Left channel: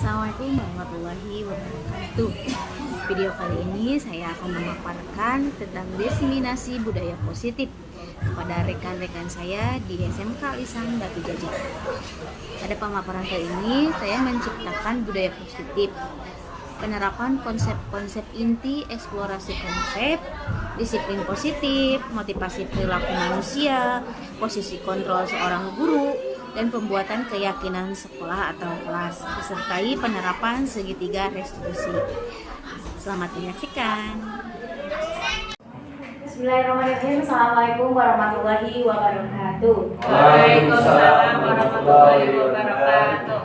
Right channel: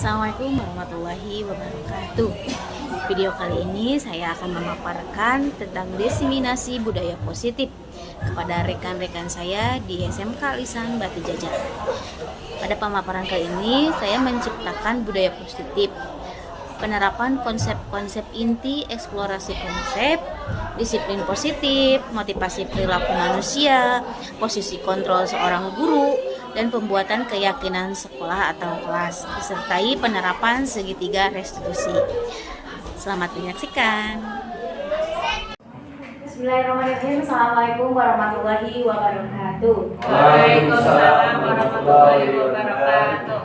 Assalamualaikum warahmatullahi wabarakatuh. Video kali ini saya akan memaparkan tentang diseminasi budaya positif kepada rekan-rekan saya di SMK Lisan Batu Jajar. Pada pemaparan kali ini saya menciptakan budaya positif, penerapan konsep-konsep inti, eksplorasi konsep, disiplin positif, motivasi perilaku manusia, posisi kontrol seorang guru, dan pembuatan keyakinan sekolah atau kelas, disertai penerapan segitiga restitusi. Selamat menyaksikan. Bismillahirrahmanirrahim. Assalamualaikum warahmatullahi wabarakatuh. Waalaikumsalam warahmatullahi wabarakatuh.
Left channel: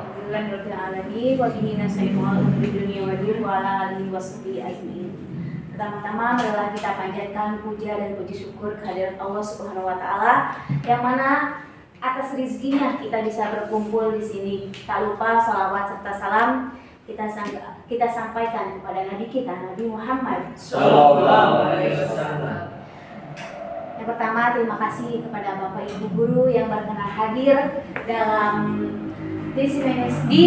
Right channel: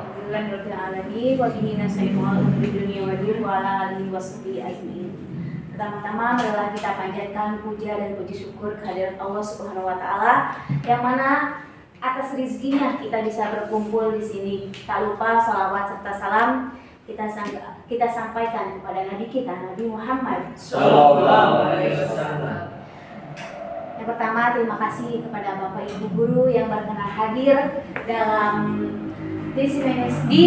Pertama-tama marilah kita panjatkan puja dan puji syukur kehadirat Allah Subhanahu wa taala yang mana atas rezekinya kita bisa berkumpul di sini. Tak lupa salawat serta salam kita sampaikan kepada Nabi kita, Nabi Muhammad Sallallahu Alaihi Wasallam. Yang pertama, terima kasih kepada Bapak Ibu guru yang berkenan hadir dalam dispensasi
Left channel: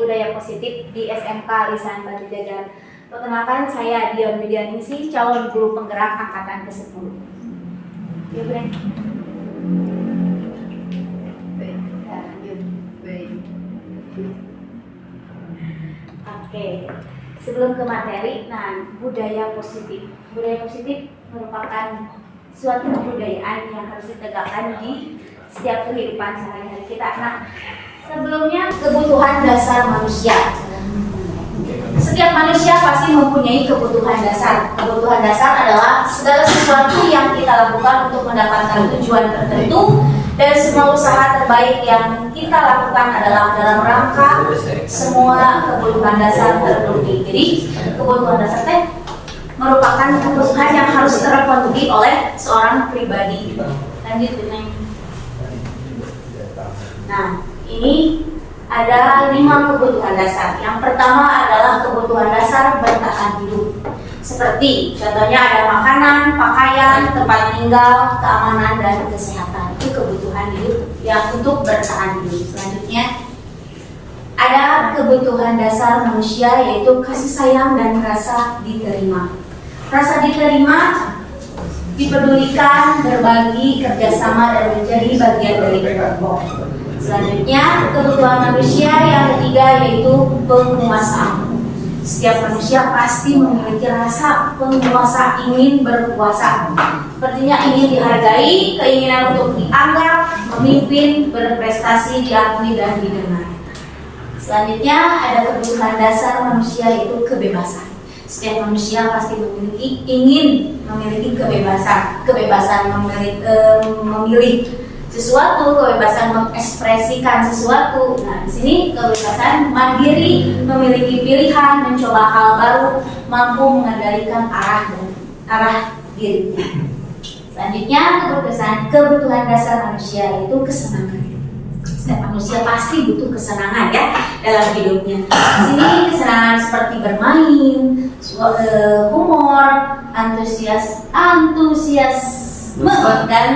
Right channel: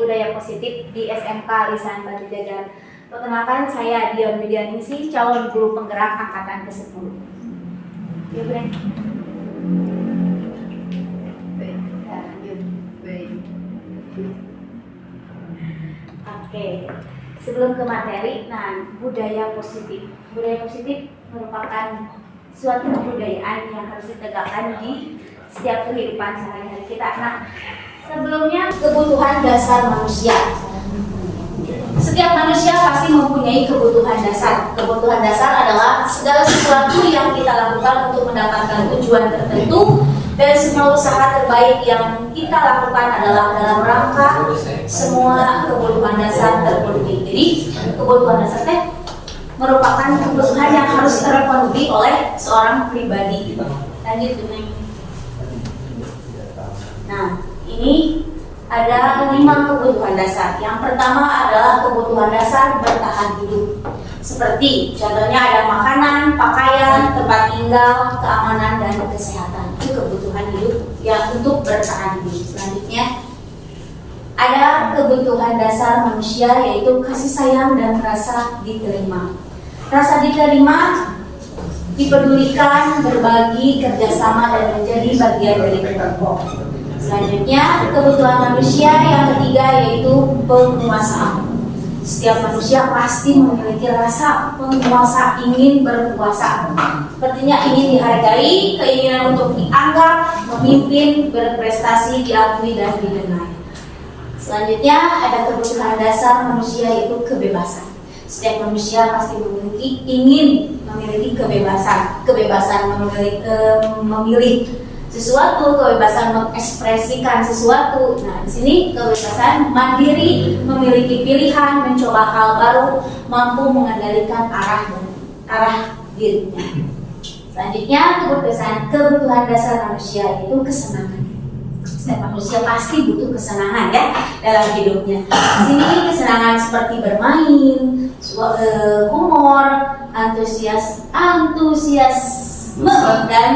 budaya positif di SMK Lisan Batu Jajar. Perkenalkan, saya Dion Widianingsih, calon guru penggerak angkatan ke-10. Ya, Bren. Oke, sebelum ke materi, budaya positif. Budaya positif merupakan suatu kebudayaan yang harus ditegakkan di setiap kehidupan sehari-hari kita. Nah, sebelumnya kebutuhan dasar manusia. Setiap manusia pasti mempunyai kebutuhan dasar. Kebutuhan dasar adalah segala sesuatu yang kita lakukan untuk mendapatkan tujuan tertentu, dan semua usaha terbaik yang kita lakukan adalah dalam rangka semua kebutuhan dasar terpenuhi. Jadi kebutuhan dasar merupakan kebutuhan yang harus terpenuhi oleh seorang pribadi. Lanjut, Neng. Nah, ini ada 5 kebutuhan dasar. Yang pertama adalah kebutuhan dasar bertahan hidup. Seperti contohnya ada makanan, pakaian, tempat tinggal, keamanan, dan kesehatan. Itu kebutuhan hidup yang untuk bertahan hidup. Selanjutnya ada kebutuhan dasar manusia, yaitu kasih sayang dan rasa diterima. Rasa diterima, dipedulikan, berbagi, kerjasama, dan menjadi bagian dari kelompok. Selanjutnya, kebutuhan manusia yang ketiga yaitu penguasaan. Setiap manusia pasti memiliki rasa penguasa, ingin berkuasa. Sepertinya ingin dihargai, keinginan untuk dianggap, memimpin, berprestasi, diakui, dan didengar. Selanjutnya, ada kebutuhan dasar manusia yaitu kebebasan. Setiap manusia pasti ingin memiliki kebebasan, memilih sesuatu, kebebasan mengekspresikan sesuatu. Nah, di sini kebebasan mandiri, memiliki pilihan, mencoba hal baru, mampu mengendalikan arah dirinya. Selanjutnya, kebutuhan dasar manusia yaitu kesenangan. Setiap manusia pasti butuh kesenangan ya dalam hidupnya. Di sini kesenangan seperti bermain, humor, antusiasme, dan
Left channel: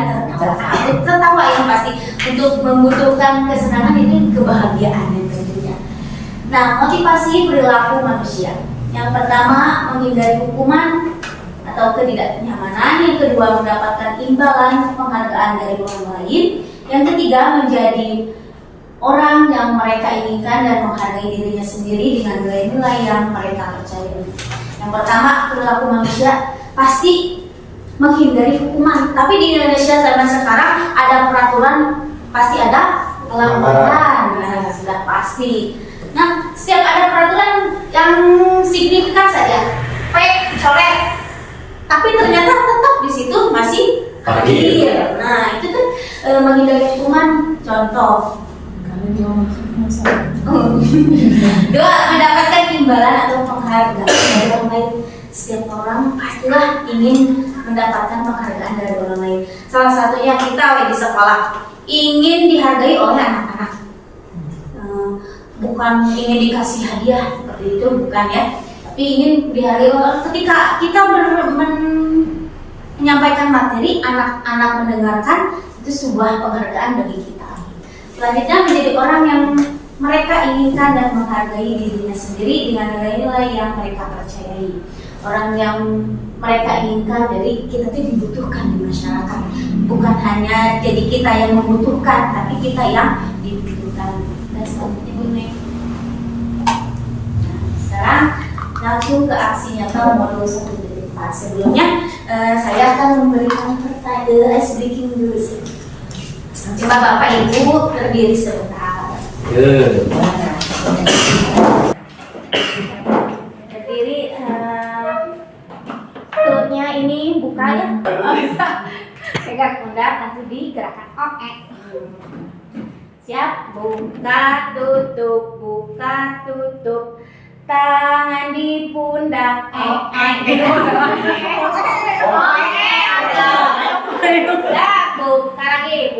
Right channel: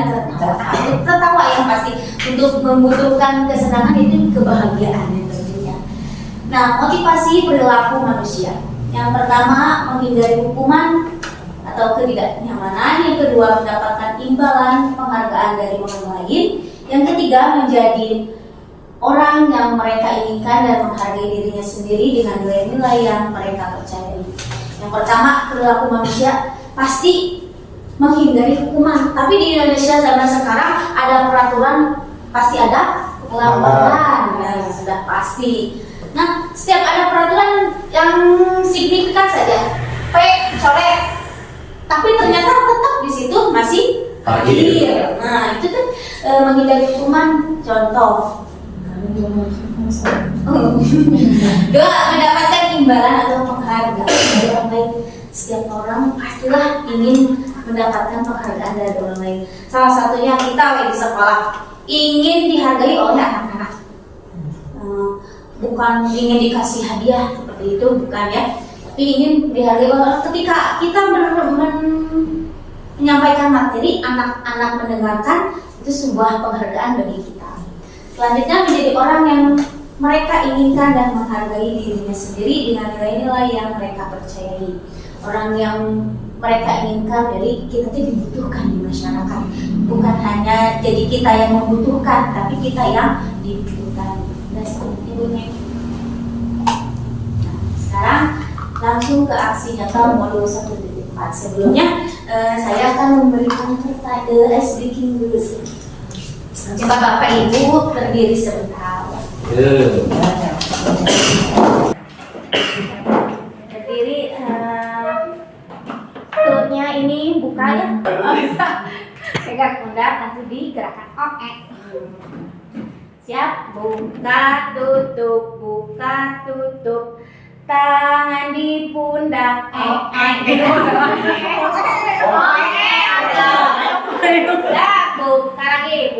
tertawa yang pasti. Untuk membutuhkan kesenangan itu kebahagiaan tentunya. Nah, motivasi perilaku manusia. Yang pertama, menghindari hukuman atau ketidaknyamanan. Yang kedua, mendapatkan imbalan penghargaan dari orang lain. Yang ketiga, menjadi orang yang mereka inginkan dan menghargai dirinya sendiri dengan nilai-nilai yang mereka percayai. Yang pertama, perilaku manusia pasti menghindari hukuman. Tapi di Indonesia zaman sekarang ada peraturan, pasti ada pelanggaran. Nah, sudah pasti. Nah, setiap ada peraturan yang signifikan saja, coret. Tapi ternyata tetap di situ masih parkir. Nah, itu tuh menghindari hukuman. Contoh, dua, mendapatkan imbalan atau penghargaan dari orang lain. Setiap orang pastilah ingin mendapatkan penghargaan dari orang lain. Salah satunya kita di sekolah ingin dihargai oleh anak-anak. Bukan ingin dikasih hadiah seperti itu, bukan ya. Tapi ingin dihargai ketika kita menyampaikan materi, anak-anak mendengarkan, itu sebuah penghargaan bagi kita. Selanjutnya, menjadi orang yang mereka inginkan dan menghargai dirinya sendiri dengan nilai-nilai yang mereka percayai. Orang yang mereka inginkan, jadi kita tuh dibutuhkan di masyarakat, bukan hanya jadi kita yang membutuhkan, tapi kita yang dibutuhkan. Ibu Neng. Nah, sekarang langsung ke aksi nyata modul 1.4. Sebelumnya saya akan memberikan pertanyaan ice breaking dulu sih. Coba Bapak Ibu berdiri sebentar. Berdiri, perutnya ini buka ya. Bisa. Pegang pundak, langsung digerakkan. Oke. Siap? Buka, tutup. Tangan di pundak. Buka lagi.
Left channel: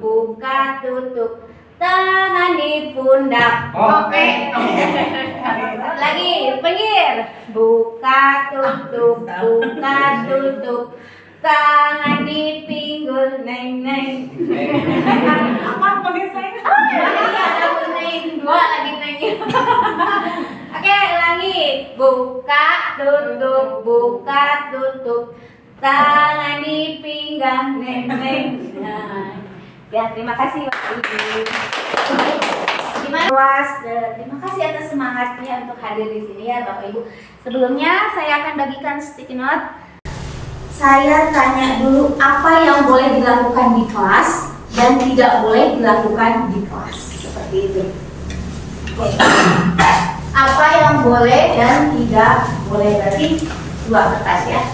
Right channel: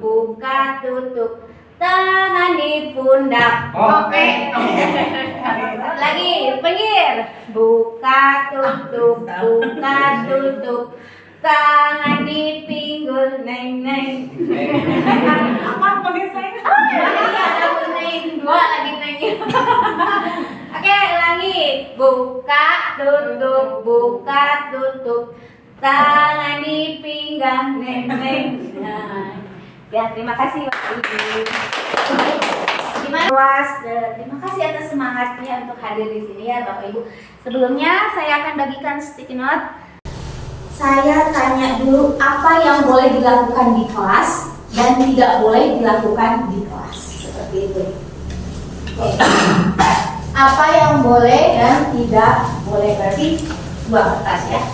Buka, tutup. Tangan di pundak. Lagi, pinggir. Buka, tutup. Tangan di pinggul, neng. Apa panggil saya? Ada neng, dua lagi neng. Oke, ulangi. Buka, tutup. Tangan di pinggang, neng. Nah, ya, terima kasih Bapak Ibu. Terima kasih atas semangatnya untuk hadir di sini ya Bapak Ibu. Sebelumnya saya akan bagikan sticky note. Saya tanya dulu apa yang boleh dilakukan di kelas dan tidak boleh dilakukan di kelas. Seperti itu. Oke. Apa yang boleh dan tidak boleh, berarti dua kertas ya.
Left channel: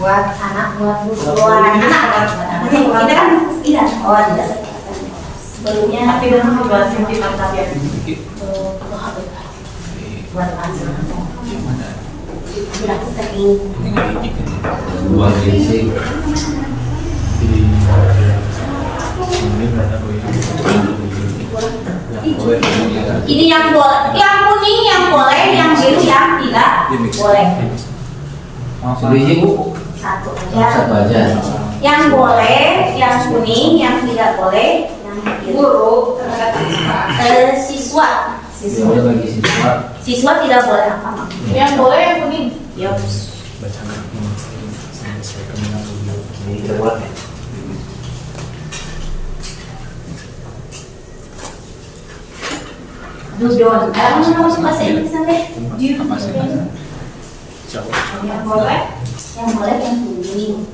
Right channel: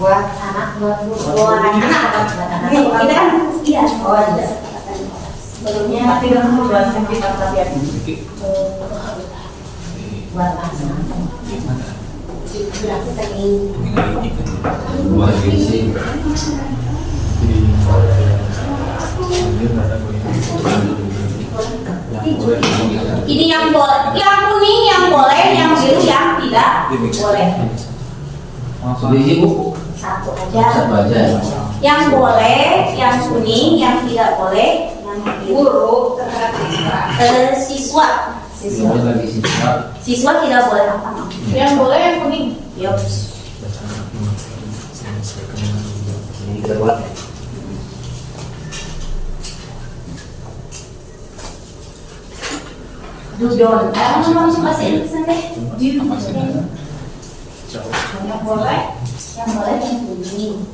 Buat anak, buat anak. Ini kan iya. Oh, tidak. Sebelumnya tapi dengan membahas yang kita tadi ya. Buat anak. Ini yang boleh, yang kuning yang boleh, yang biru yang tidak boleh. Satu aja. Yang boleh, yang kuning, yang tidak boleh, yang biru. Siswa tidak boleh apa? Yang boleh yang kuning. Yup. Ini kita buat ya. Dudon. Masuk bahasa Inggris nanti. Apa sih? Yang boleh yang kuning.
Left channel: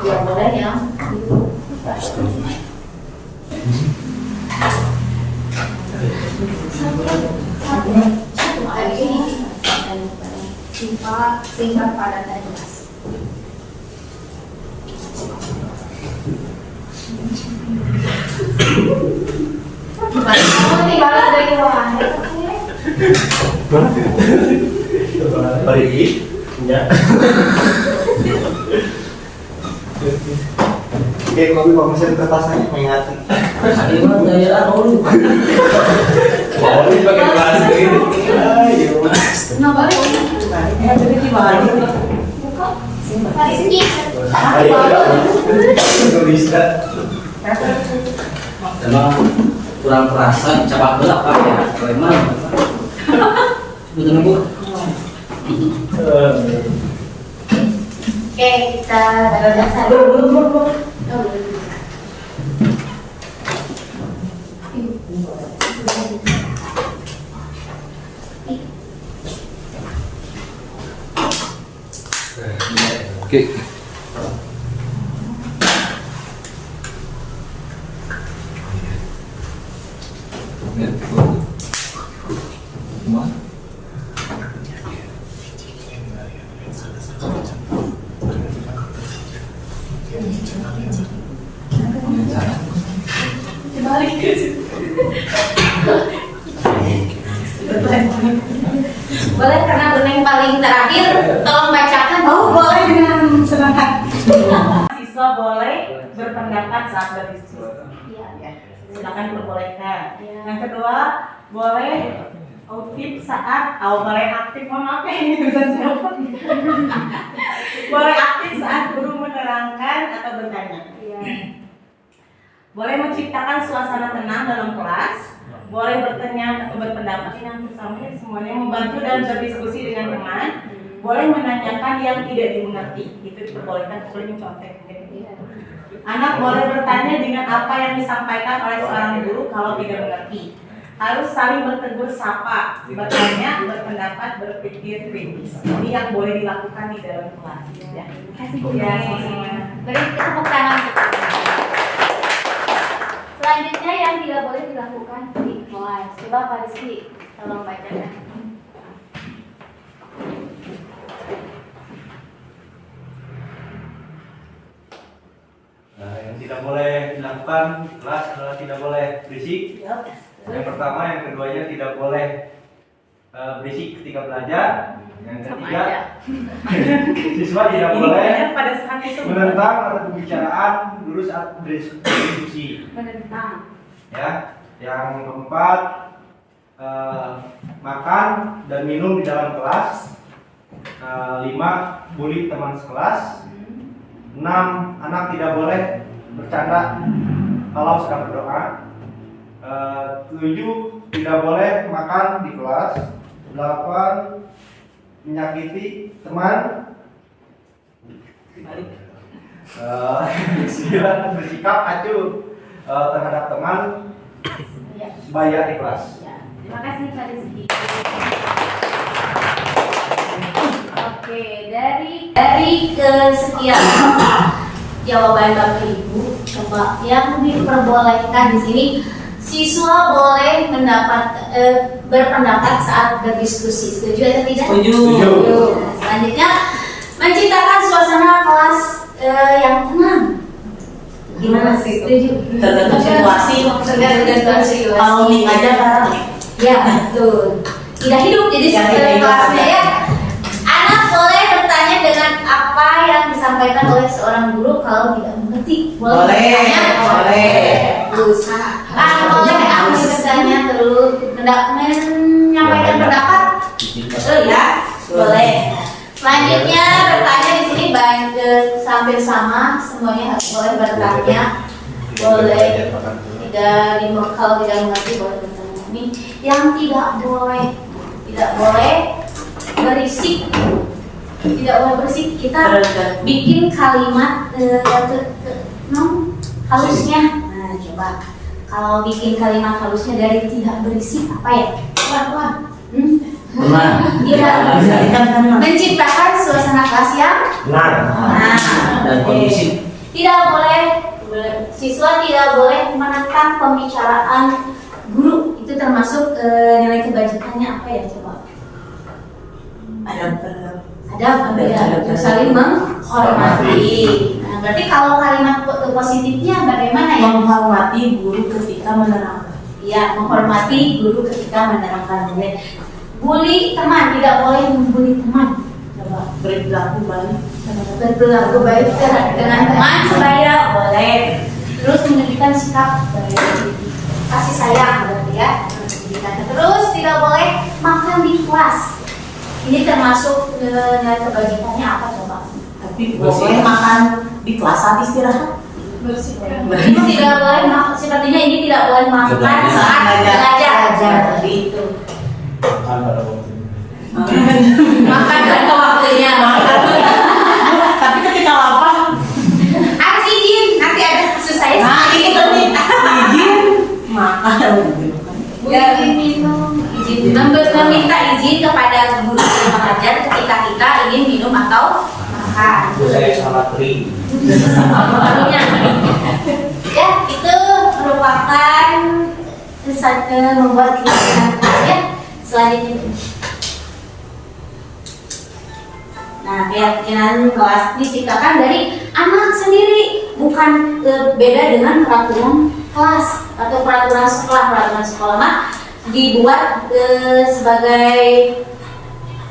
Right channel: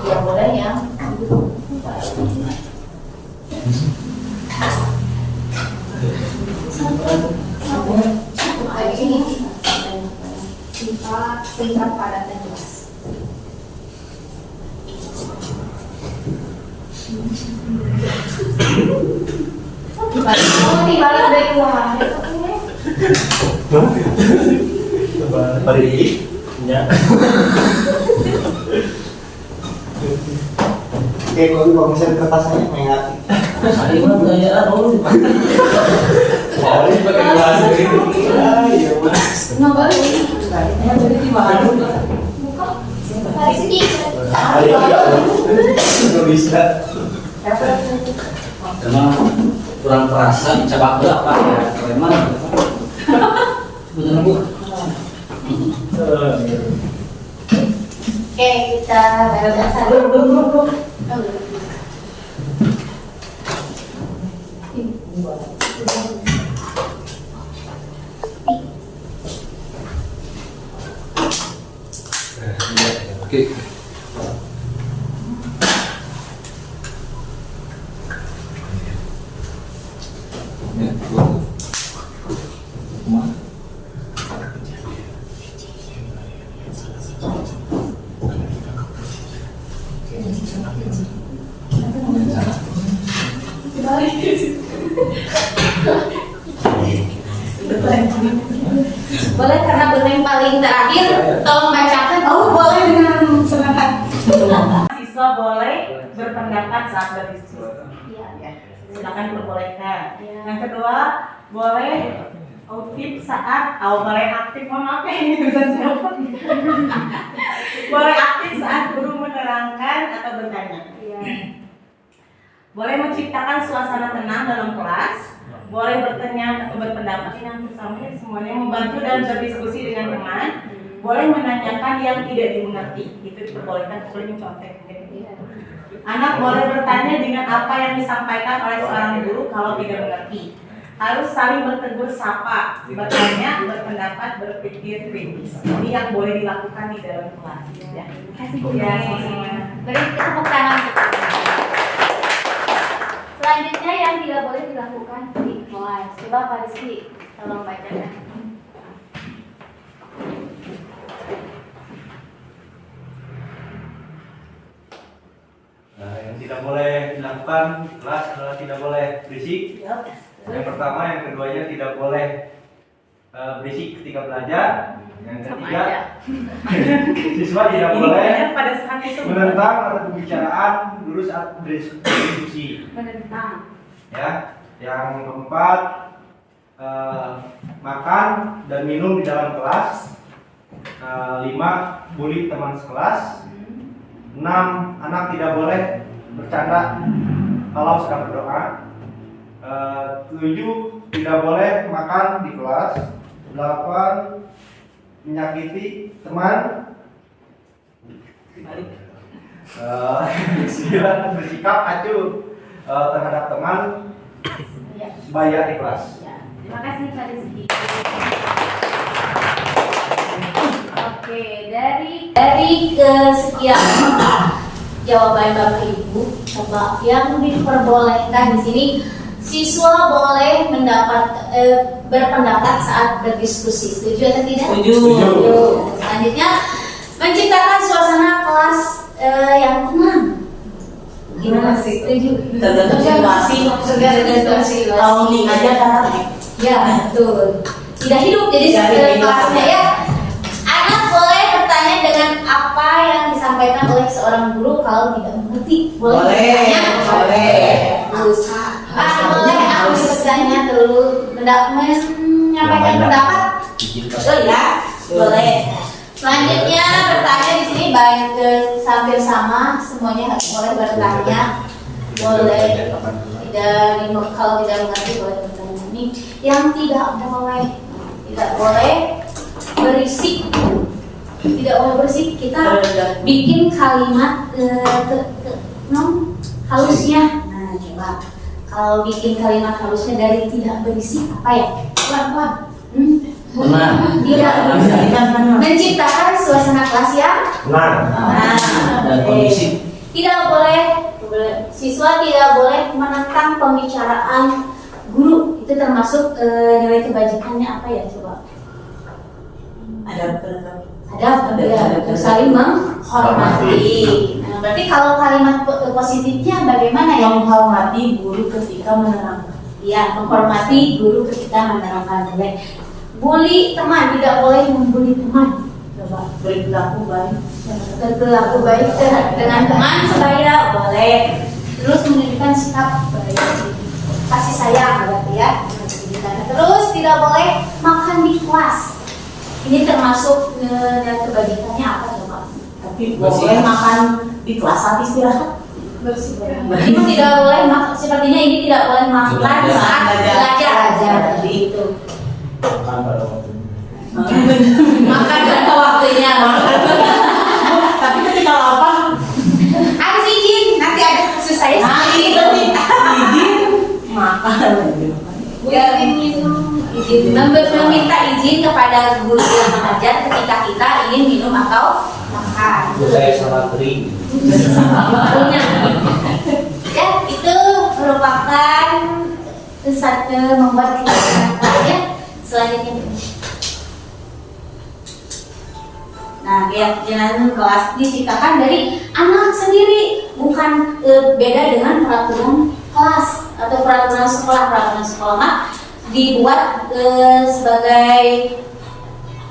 Yang boleh yang biru. Singkat, padat, dan jelas. Dibalik dari ruang Balik ya. Oke, kopi pengisian kertasnya mengingati. Ini mah gaya apa lu? Oh, ini pakai gelas gitu. Ayo. nggak balik. Jadi dibalik. Balik sini. Nggak bisa. Emang kurang perasa cabak berapa ya? Emang betul Bu? Oke, kita bahasa dulu. Oke. Ya, Kumar. Boleh karena Beneng paling terakhir, tolong bacakan. Oh, boleh dengan senang hati. Siswa boleh berpendapat saat berdiskusi. Iya. Ya, silakan diperbolehkan. Iya. Yang kedua, boleh aktif saat, boleh aktif, mohon maaf ya ini tulisan siapa? Boleh aktif saat guru menerangkan atau bertanya. Iya. boleh menciptakan suasana tenang dalam kelas, boleh bertanya atau berpendapat yang bersama semuanya, membantu dan berdiskusi dengan teman, boleh menanyakan yang tidak dimengerti, itu diperbolehkan, boleh mencontek. Anak boleh bertanya dengan apa yang disampaikan oleh seorang guru kalau tidak mengerti. Harus saling bertegur sapa, bertanya, berpendapat, berpikir kritis. Ini yang boleh dilakukan di dalam kelas. Ya. Terima kasih Bu. Ya, sama-sama. Beri tepuk tangan. Selanjutnya yang tidak boleh dilakukan di kelas. Coba Pak Rizky, tolong bacakan. Nah, yang tidak boleh dilakukan di kelas adalah tidak boleh berisik. Yang pertama, yang keduanya tidak boleh berisik ketika belajar. Yang ketiga, siswa tidak boleh Pada saat itu menentang atau pembicaraan guru saat berdiskusi. Menentang. Ya, yang keempat, makan dan minum di dalam kelas. 5, bully teman sekelas. 6, anak tidak boleh bercanda kalau sedang berdoa. 7, tidak boleh makan di kelas. 8, menyakiti teman. 9, bersikap acuh terhadap teman sebaya di kelas. Ya. Terima kasih Pak Rizky. Oke, dari kesekian jawaban Bapak Ibu, coba yang diperbolehkan di sini siswa boleh berpendapat saat berdiskusi. Setuju atau tidak? Setuju. Selanjutnya menciptakan suasana kelas yang tenang. Gimana sih? Setuju? tergantung situasi maksudnya. Tergantung situasi. Kalau nih aja kan. Ya, betul. Tidak hidup jadi Tidak hidup. kelasnya ya. Anak boleh bertanya dengan apa yang disampaikan oleh seorang guru kalau tidak mengerti. Boleh, bertanya? boleh. Bagus. Boleh aku bertanya terus menyampaikan pendapat. Betul ya? Boleh. Selanjutnya bertanya di sini baik hampir sama, semuanya boleh bertanya. Boleh kalau tidak mengerti boleh bertanya. Ini yang tidak boleh berisik. Tidak boleh berisik. Kita bikin kalimat halusnya. Nah, coba kalau bikin kalimat halusnya dari tidak berisik apa ya? Pelan-pelan. Tenang. Tidak. Menciptakan suasana kelas yang Tenang. Dan kondisi. tidak boleh, siswa tidak boleh menentang pembicaraan guru. Itu termasuk nilai kebajikannya apa ya coba? Ada ya, saling menghormati. Nah, berarti kalau kalimat positifnya bagaimana ya? Menghormati guru ketika menerangkan. Iya, menghormati guru ketika menerangkan. Bully teman, tidak boleh membuli teman. Coba Berperilaku baik. berperilaku baik dengan teman sebaya boleh. Terus menunjukkan sikap kasih sayang berarti ya. Terus tidak boleh makan di kelas. Ini termasuk nilai kebajikannya apa coba? Tapi boleh makan di kelas saat istirahat. Ini tidak boleh sepertinya ini tidak boleh makan saat belajar. Gitu. Makan pada waktu. Makan pada waktunya. Tapi ketika lapar, Harus izin, nanti ada kasus saya. nah ini penting. Izin makan. Izin minum, izin meminta izin kepada guru yang mengajar ketika kita ingin minum atau makan. Saya salah kering. Barunya. Ya, itu merupakan membuat keyakinan. Selanjutnya. Nah, keyakinan kelas diciptakan dari anak sendiri, bukan beda dengan peraturan kelas atau peraturan sekolah. Peraturan sekolah mah dibuat sebagai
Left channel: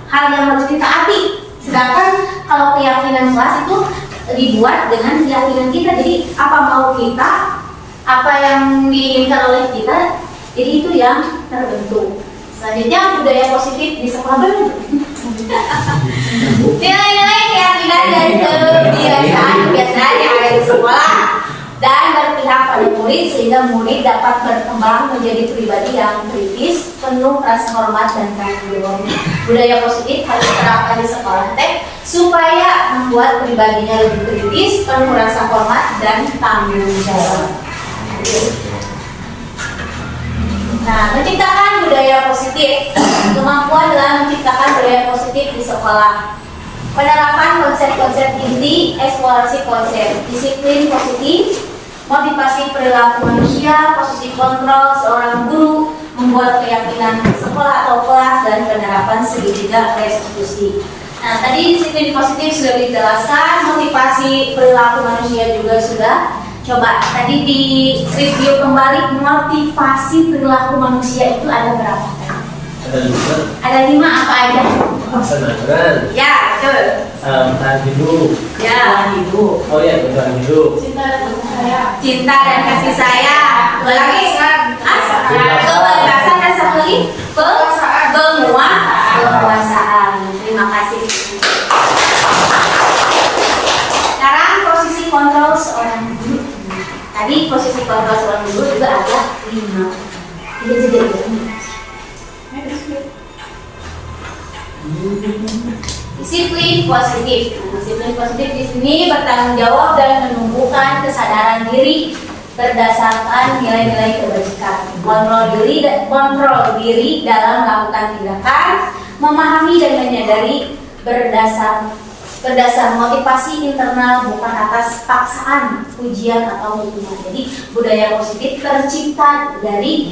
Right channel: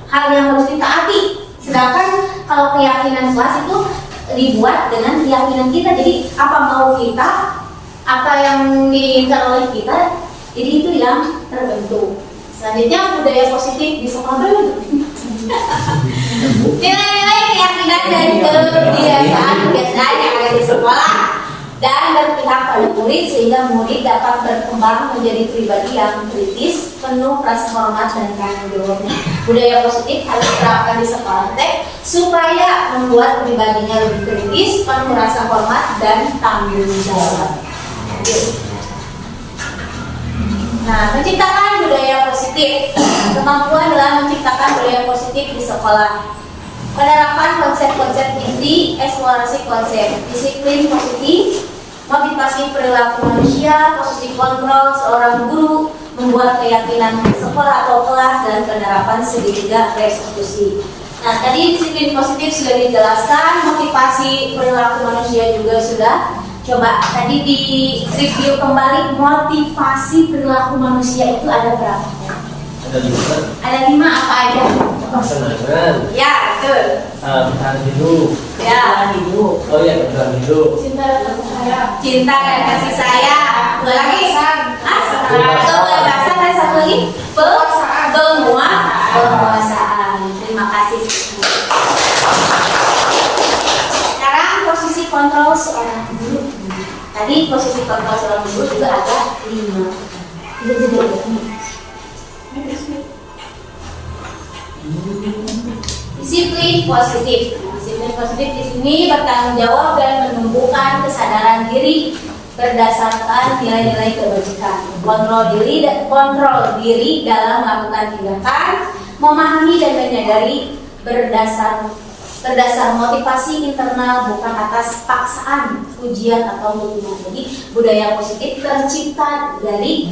hal yang harus ditaati. Sedangkan kalau keyakinan kelas itu dibuat dengan keyakinan kita. Jadi apa mau kita, apa yang diinginkan oleh kita, jadi itu yang terbentuk. Selanjutnya budaya positif di sekolah dulu. Nilai-nilai keyakinan dan kebiasaan yang ada di sekolah. dan berpihak pada murid sehingga murid dapat berkembang menjadi pribadi yang kritis, penuh rasa hormat dan tanggung jawab. Budaya positif harus diterapkan di sekolah supaya membuat pribadinya lebih kritis, penuh rasa hormat dan tanggung jawab. Nah, menciptakan budaya positif, kemampuan dalam menciptakan budaya positif di sekolah. Penerapan konsep-konsep inti, eksplorasi konsep, disiplin positif, motivasi perilaku manusia, posisi kontrol seorang guru, membuat keyakinan sekolah atau kelas, dan penerapan segitiga restitusi. Nah, tadi disiplin positif sudah dijelaskan, motivasi perilaku manusia juga sudah. Coba tadi di review kembali, motivasi perilaku manusia itu ada berapa? Ada 5. Ada 5 apa aja? Kesenangan. Ya, betul. Bertahan hidup. Ya, Oh iya, bertahan hidup. cinta dan kasih sayang. Dua lagi. Kebebasan dan satu lagi penguasaan. Terima kasih. Sekarang posisi kontrol seorang guru. Tadi posisi kontrol seorang guru juga ada 5. Disiplin positif. Disiplin positif di sini bertanggung jawab dan menumbuhkan kesadaran diri berdasarkan nilai-nilai kebajikan. Kontrol diri dalam melakukan tindakan, memahami dan menyadari berdasar motivasi internal, bukan atas paksaan, ujian atau hukuman. Jadi budaya positif tercipta dari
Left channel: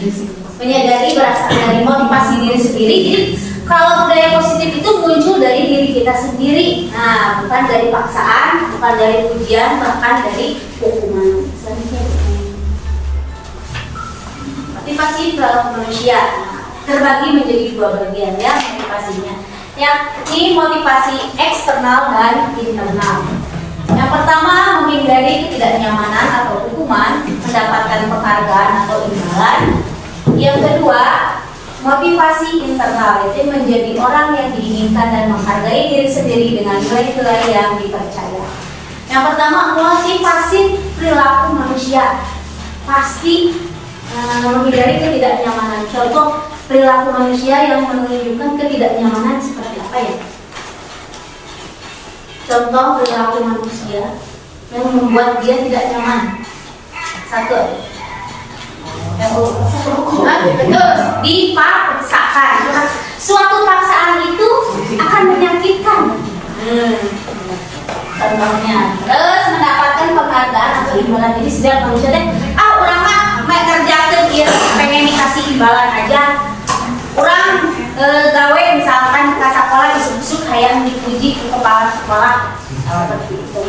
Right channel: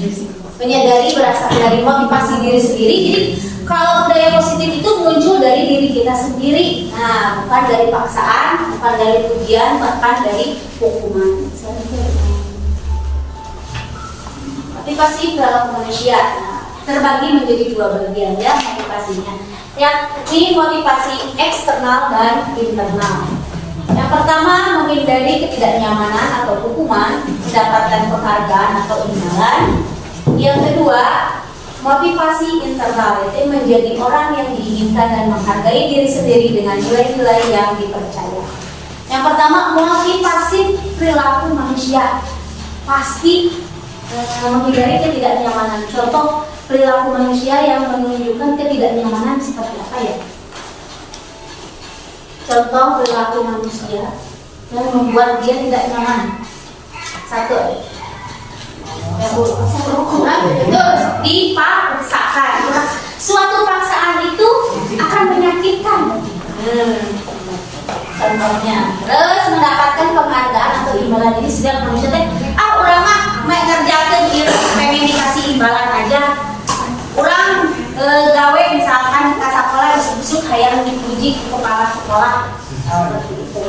menyadari, berasal dari motivasi diri sendiri. Jadi kalau budaya positif itu muncul dari diri kita sendiri, nah bukan dari paksaan, bukan dari ujian, bahkan dari hukuman. Motivasi perilaku manusia terbagi menjadi 2 bagian ya motivasinya. Yang ini motivasi eksternal dan internal. Yang pertama, menghindari ketidaknyamanan atau hukuman, mendapatkan penghargaan atau imbalan. Yang kedua, motivasi internal, itu menjadi orang yang diinginkan dan menghargai diri sendiri dengan nilai-nilai yang dipercaya. Yang pertama, motivasi perilaku manusia, pasti menghindari ketidaknyamanan. Contoh perilaku manusia yang menunjukkan ketidaknyamanan seperti apa ya? Contoh perilaku manusia yang membuat dia tidak nyaman. Satu, betul, dipaksakan. Suatu paksaan itu akan menyakitkan. Contohnya, terus mendapatkan penghargaan atau imbalan. Jadi setiap manusia orang mah kerja dia pengen dikasih imbalan aja. Orang gawe misalkan ke sekolah isuk-isuk hayang dipuji ke kepala sekolah seperti itu.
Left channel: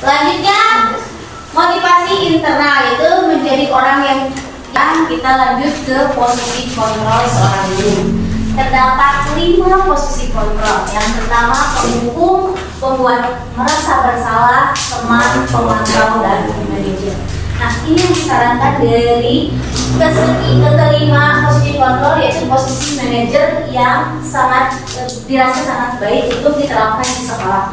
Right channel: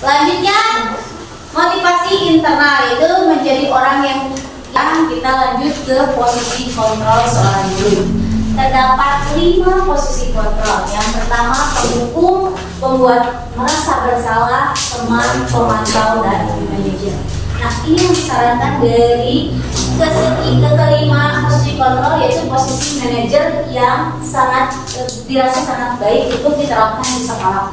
Selanjutnya motivasi internal itu menjadi orang yang kita lanjut ke posisi kontrol seorang guru. Terdapat 5 posisi kontrol. Yang pertama penghukum, pembuat merasa bersalah, teman, pemantau, dan manajer. Nah, ini yang disarankan dari kelima posisi kontrol, yaitu posisi manajer yang sangat dirasa sangat baik untuk diterapkan di sekolah.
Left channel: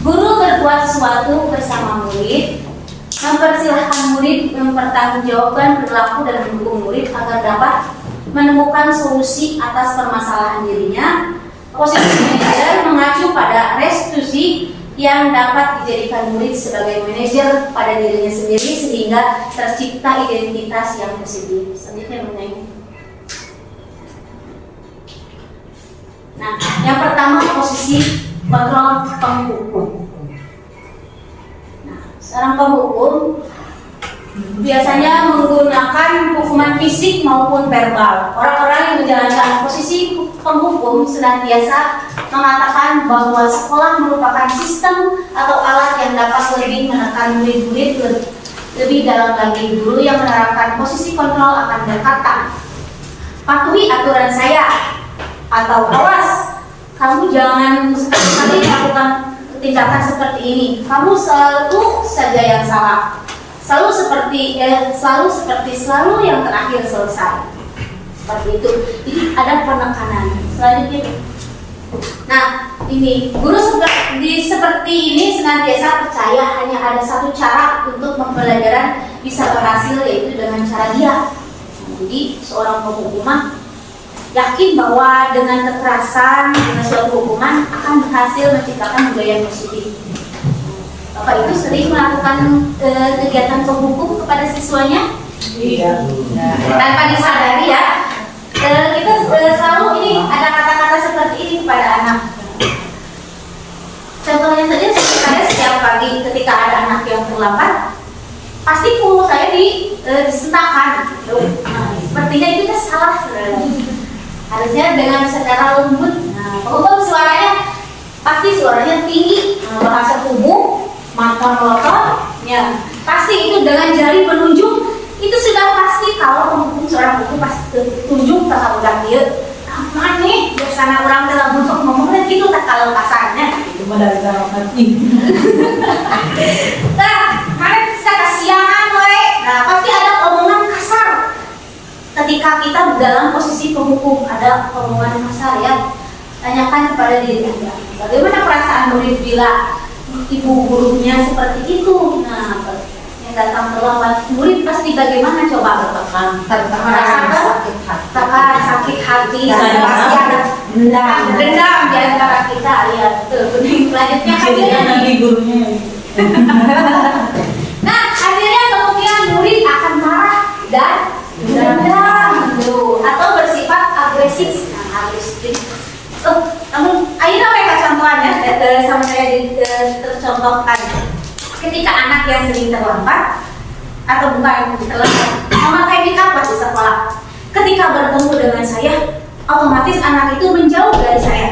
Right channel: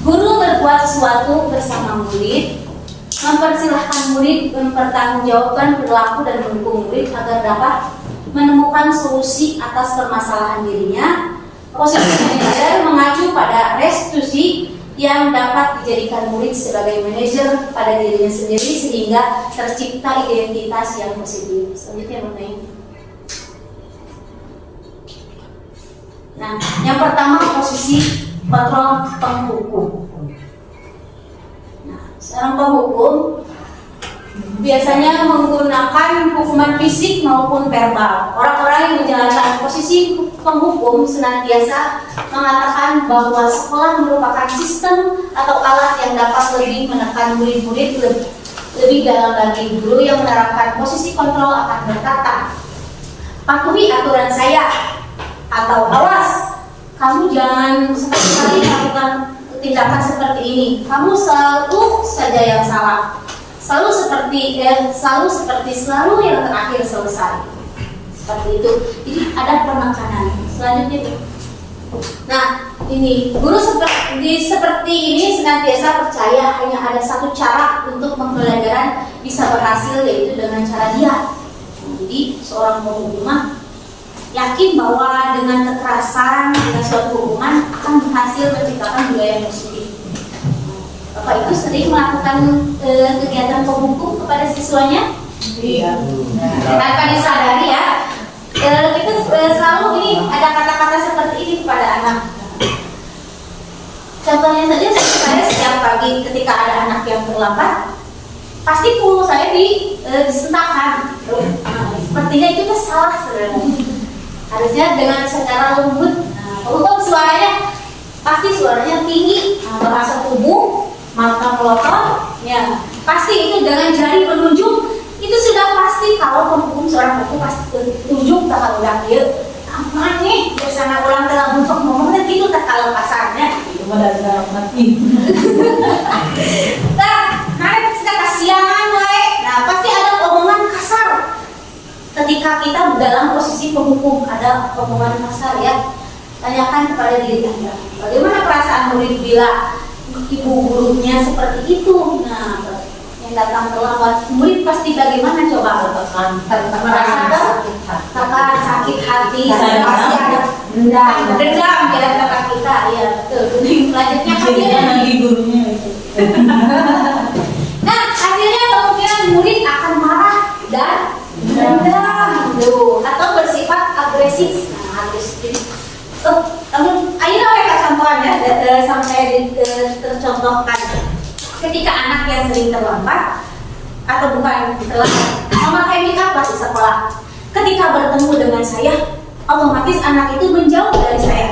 Guru berbuat sesuatu bersama murid, mempersilahkan murid mempertanggungjawabkan perilaku dan mendukung murid agar dapat menemukan solusi atas permasalahan dirinya. Posisi manajer mengacu pada restitusi yang dapat dijadikan murid sebagai manajer pada dirinya sendiri sehingga tercipta identitas yang positif. Selanjutnya mengenai. Nah, yang pertama posisi kontrol penghukum. Nah, seorang penghukum biasanya menggunakan hukuman fisik maupun verbal. Orang-orang yang menjalankan posisi penghukum senantiasa mengatakan bahwa sekolah merupakan sistem atau alat yang dapat lebih menekan murid-murid lebih dalam lagi. Guru yang menerapkan posisi kontrol akan berkata, patuhi aturan saya, atau awas, kamu jangan sekali-kali melakukan tindakan seperti ini. Kamu selalu saja yang salah. Selalu yang terakhir selesai. Seperti itu. Jadi ada penekanan. Selanjutnya Nah, ini guru seperti ini senantiasa percaya hanya ada satu cara untuk pembelajaran bisa berhasil, yaitu dengan cara dia. Jadi seorang penghukuman yakin bahwa dengan kekerasan, dengan suatu hukuman akan berhasil menciptakan budaya yang positif. Bapak Ibu sering melakukan kegiatan penghukum kepada siswanya? Iya. Tanpa disadari ya. Kita selalu ini ada kata-kata seperti ini kepada anak. Contohnya saja, saya setiap pagi ketika ada anak yang terlambat, pasti punggung saya disentakkan. Sepertinya itu salah sebenarnya. Harusnya dengan secara lembut. Walaupun suaranya pasti suaranya tinggi, bahasa tubuh, mata melotot, ya pasti itu dengan jari menunjuk. Itu sudah pasti kalau penghukum seorang hukum pasti tunjuk tak udah dia. Kamu nih biasanya orang telah buntok ngomongnya gitu tak kalau kasarnya. Itu pada mati. Nah, mereka bisa kasihan, nah pasti ada omongan kasar. Ketika kita dalam posisi penghukum ada omongan kasar ya. Tanyakan kepada diri Anda, bagaimana perasaan murid bila ibu gurunya seperti itu? Nah, yang datang terlambat, murid pasti bagaimana coba? Merasa tekan, sakit hati, pasti ada dendam di antara kita. Ya, selanjutnya hasilnya nanti gurunya. Nah, hasilnya kemungkinan murid akan marah dan dendam atau bersifat agresif. Nah, agresif. Namun, ayo mereka contohnya sama saya tercontohkan. Ketika anak yang sering terlambat atau bukan terlambat, memakai make up di sekolah. Ketika bertemu dengan saya, otomatis anak itu menjauh dari saya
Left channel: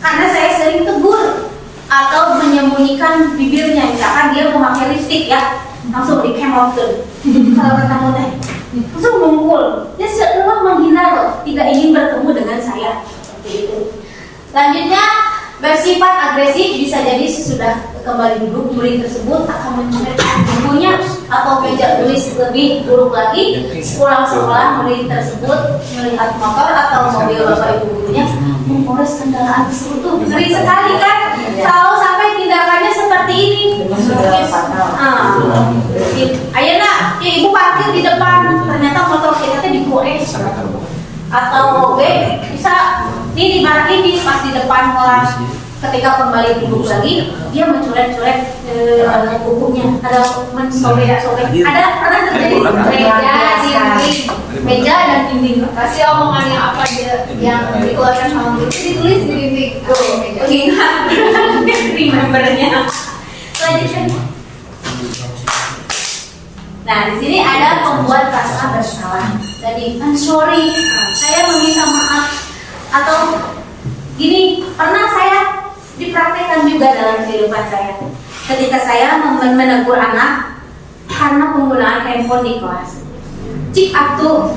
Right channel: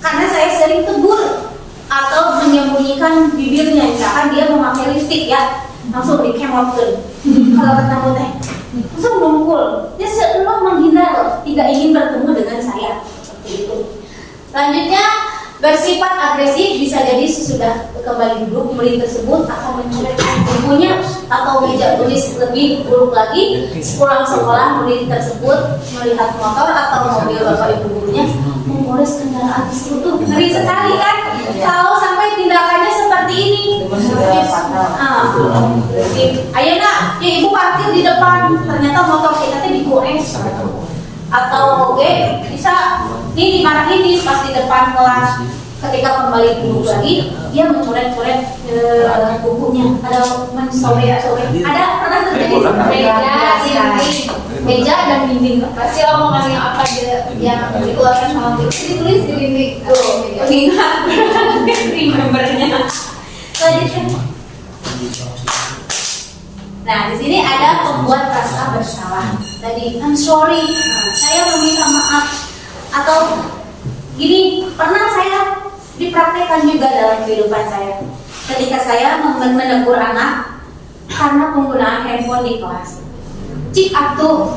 karena saya sering tegur atau menyembunyikan bibirnya. Misalkan dia memakai lipstik ya, langsung di camouflage. Kalau bertemu teh, langsung mengungkul. Dia seolah menghindar loh, tidak ingin bertemu dengan saya. Itu. Selanjutnya bersifat agresif, bisa jadi sesudah kembali duduk murid tersebut akan mencoret bukunya atau meja tulis. Lebih buruk lagi, pulang sekolah murid tersebut melihat motor atau mobil bapak ibu gurunya mengores kendaraan tersebut. Ngeri sekali kan kalau sampai tindakannya seperti ini. Ayeuna ya ibu parkir di depan, ternyata motor kita digores. Atau bisa ini dimarahin pas di depan kelas. Ketika kembali duduk lagi, dia mencoret-coret bukunya. Ada mensobek-sobek. Ada pernah terjadi meja dan dinding. Kasih omongan yang apa dia yang dikeluarkan sama guru ditulis di dinding. Ingat, remembernya. Selanjutnya. Nah, di sini ada pembuat rasa bersalah. Jadi, I'm sorry, saya meminta maaf. Atau gini, pernah saya dipraktekkan juga dalam kehidupan saya. Ketika saya menegur anak karena penggunaan handphone di kelas. Cik atuh,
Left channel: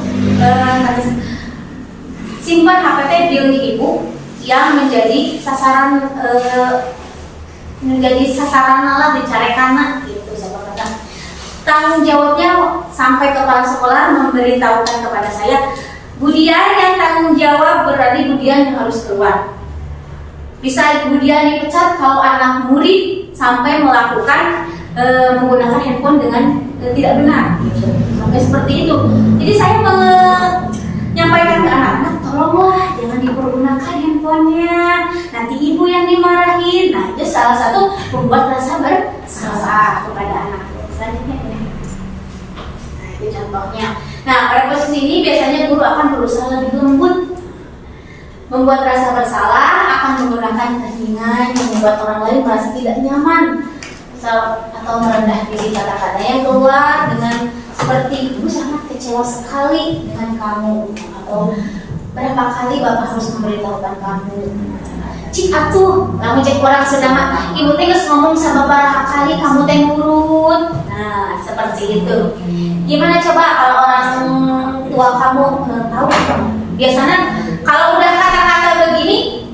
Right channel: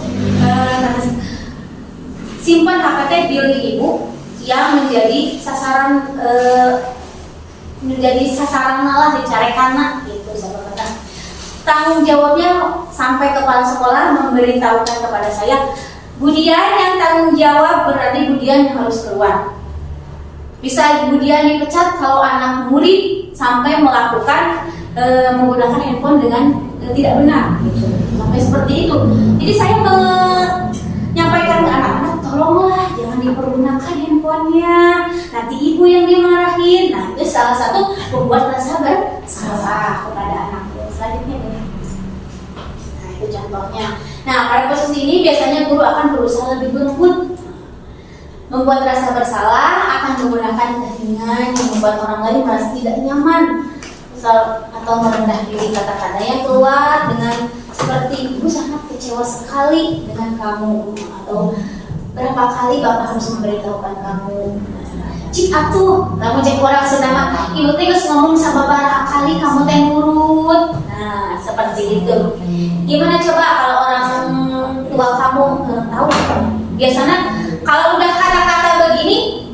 simpan HP diri ibu yang menjadi sasaran lah dicarekan gitu saya kata. Tanggung jawabnya sampai kepala sekolah memberitahukan kepada saya, Budian yang tanggung jawab berarti Budian yang harus keluar. Bisa Budian dipecat kalau anak murid sampai melakukan menggunakan handphone dengan tidak benar gitu. Sampai seperti itu. Jadi saya menyampaikan ke anak-anak, tolonglah jangan dipergunakan handphonenya, nanti ibu yang dimarahin. Nah, itu salah satu membuat rasa bersalah kepada anak. Selanjutnya nah, itu contohnya. Nah, pada posisi ini biasanya guru akan berusaha lebih lembut, membuat rasa bersalah, akan menggunakan keringan yang membuat orang lain merasa tidak nyaman, atau merendah diri. Kata-kata yang keluar dengan seperti, ibu sangat kecewa sekali dengan kamu, atau berapa kali bapak harus memberitahukan kamu. Cik atuh, kamu cek orang sedang ibu teh geus ngomong sama berapa kali kamu teh nurut. Nah, seperti itu. Gimana coba kalau orang tua kamu tahu? Biasanya kalau udah kata-kata begini,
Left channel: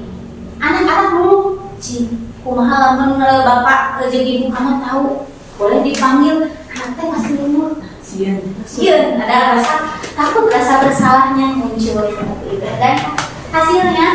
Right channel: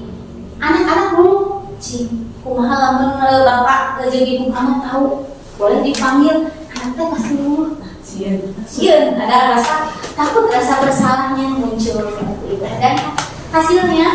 anak-anak dulu, cik, kumaha lamun bapak jeung ibu kamu tahu, boleh dipanggil, anak teh pasti nurut. Sieun, ada rasa takut, rasa bersalahnya muncul seperti itu. Dan hasilnya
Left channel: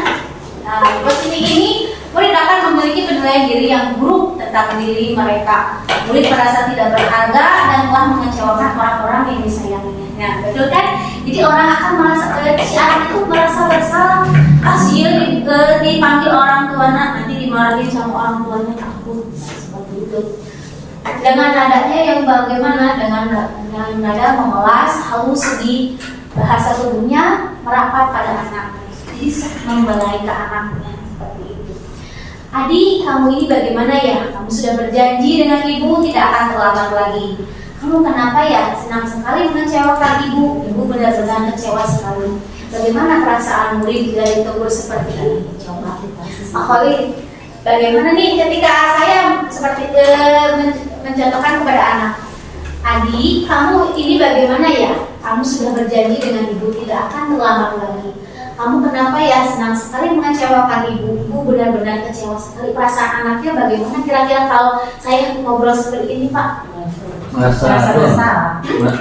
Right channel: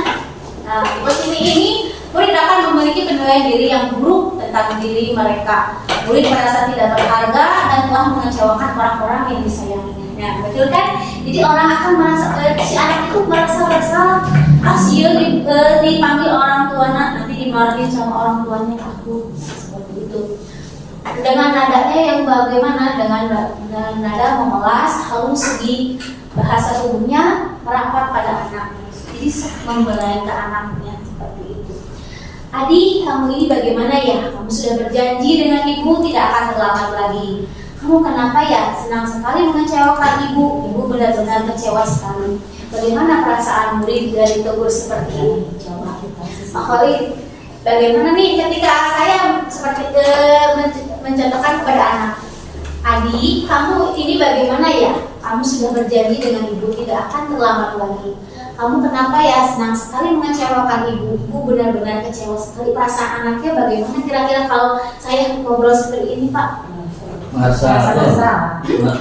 Nah, di posisi ini murid akan memiliki penilaian diri yang buruk tentang diri mereka. Murid merasa tidak berharga dan telah mengecewakan orang-orang yang disayanginya. Nah, betul kan? Jadi orang akan merasa, si anak itu merasa bersalah. Kasihan dipanggil orang tuanya, nanti dimarahin sama orang tuanya, takut. Seperti itu. Dengan nadanya yang bagaimana? Dengan nada memelas, halus, segi, bahasa tubuhnya merapat pada anak. Jadi membelai ke anaknya seperti itu. Adik, kamu ini bagaimana ya? Kamu sudah berjanji dengan ibu tidak akan terlambat lagi. Kamu kenapa ya? Senang sekali mengecewakan ibu. Ibu benar-benar kecewa sekali. Bagaimana perasaan murid bila ditegur seperti ini? Coba Pak Khalid, bagaimana nih ketika saya seperti mencontohkan kepada anak? Adik, kamu ini bagaimana ya? Kamu sudah berjanji dengan ibu tidak akan terlambat lagi. Kamu kenapa ya senang sekali mengecewakan ibu? Ibu benar-benar kecewa sekali. Perasaan anaknya bagaimana kira-kira kalau saya ngobrol seperti ini, Pak? Merasa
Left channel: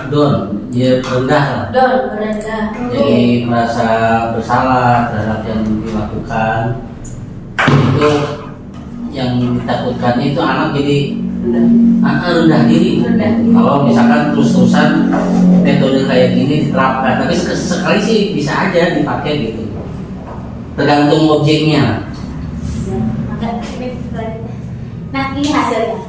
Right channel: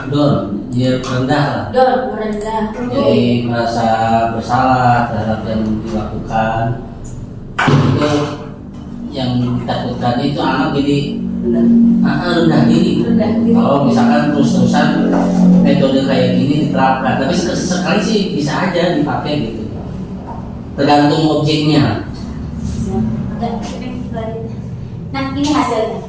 don, ya rendah lah. Don, merendah. Jadi merasa bersalah terhadap yang dilakukan. Itu yang ditakutkan itu anak jadi rendah diri. Kalau misalkan terus-terusan metode kayak gini diterapkan, tapi sekali sih bisa aja dipakai gitu. Tergantung objeknya. Nah, ini hasilnya.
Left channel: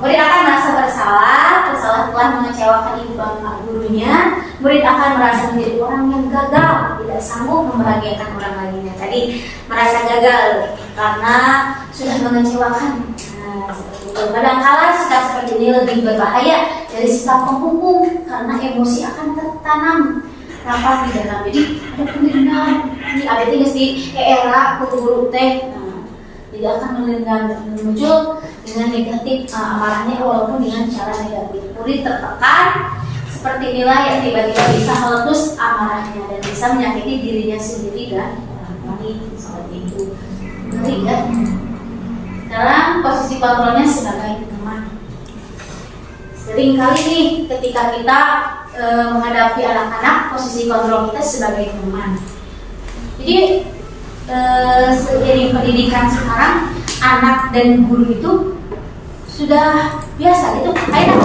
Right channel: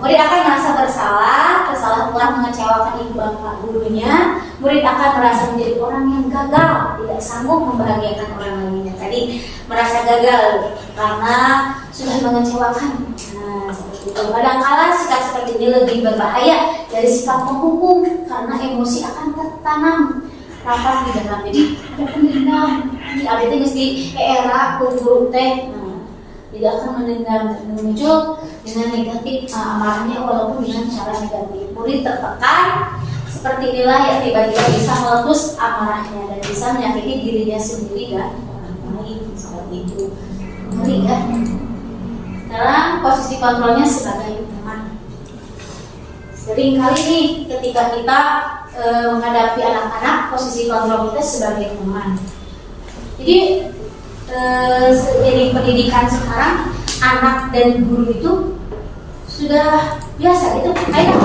Murid akan merasa bersalah telah mengecewakan ibu bapak gurunya. Murid akan merasa menjadi orang yang gagal, tidak sanggup membahagiakan orang lainnya. Tadi merasa gagal karena sudah mengecewakan. Nah, seperti itu. Kadang-kala sikap seperti ini lebih berbahaya dari sikap menghukum karena emosi akan tertanam rapat di dalam. Jadi ada pendendam. Ini ada tinggal di era guru teh. Tidak akan muncul dengan negatif amarahnya walaupun dengan cara negatif. Murid tertekan seperti inilah yang tiba-tiba bisa meletus amarahnya dan bisa menyakiti dirinya sendiri dan orang lain seperti itu. Menarik ya. Sekarang posisi kontrolnya sebagai teman. Sering kali nih ketika kita menghadapi anak-anak, posisi kontrol kita sebagai teman. Jadi seiring pendidikan sekarang, anak dan guru itu sudah biasa itu kayak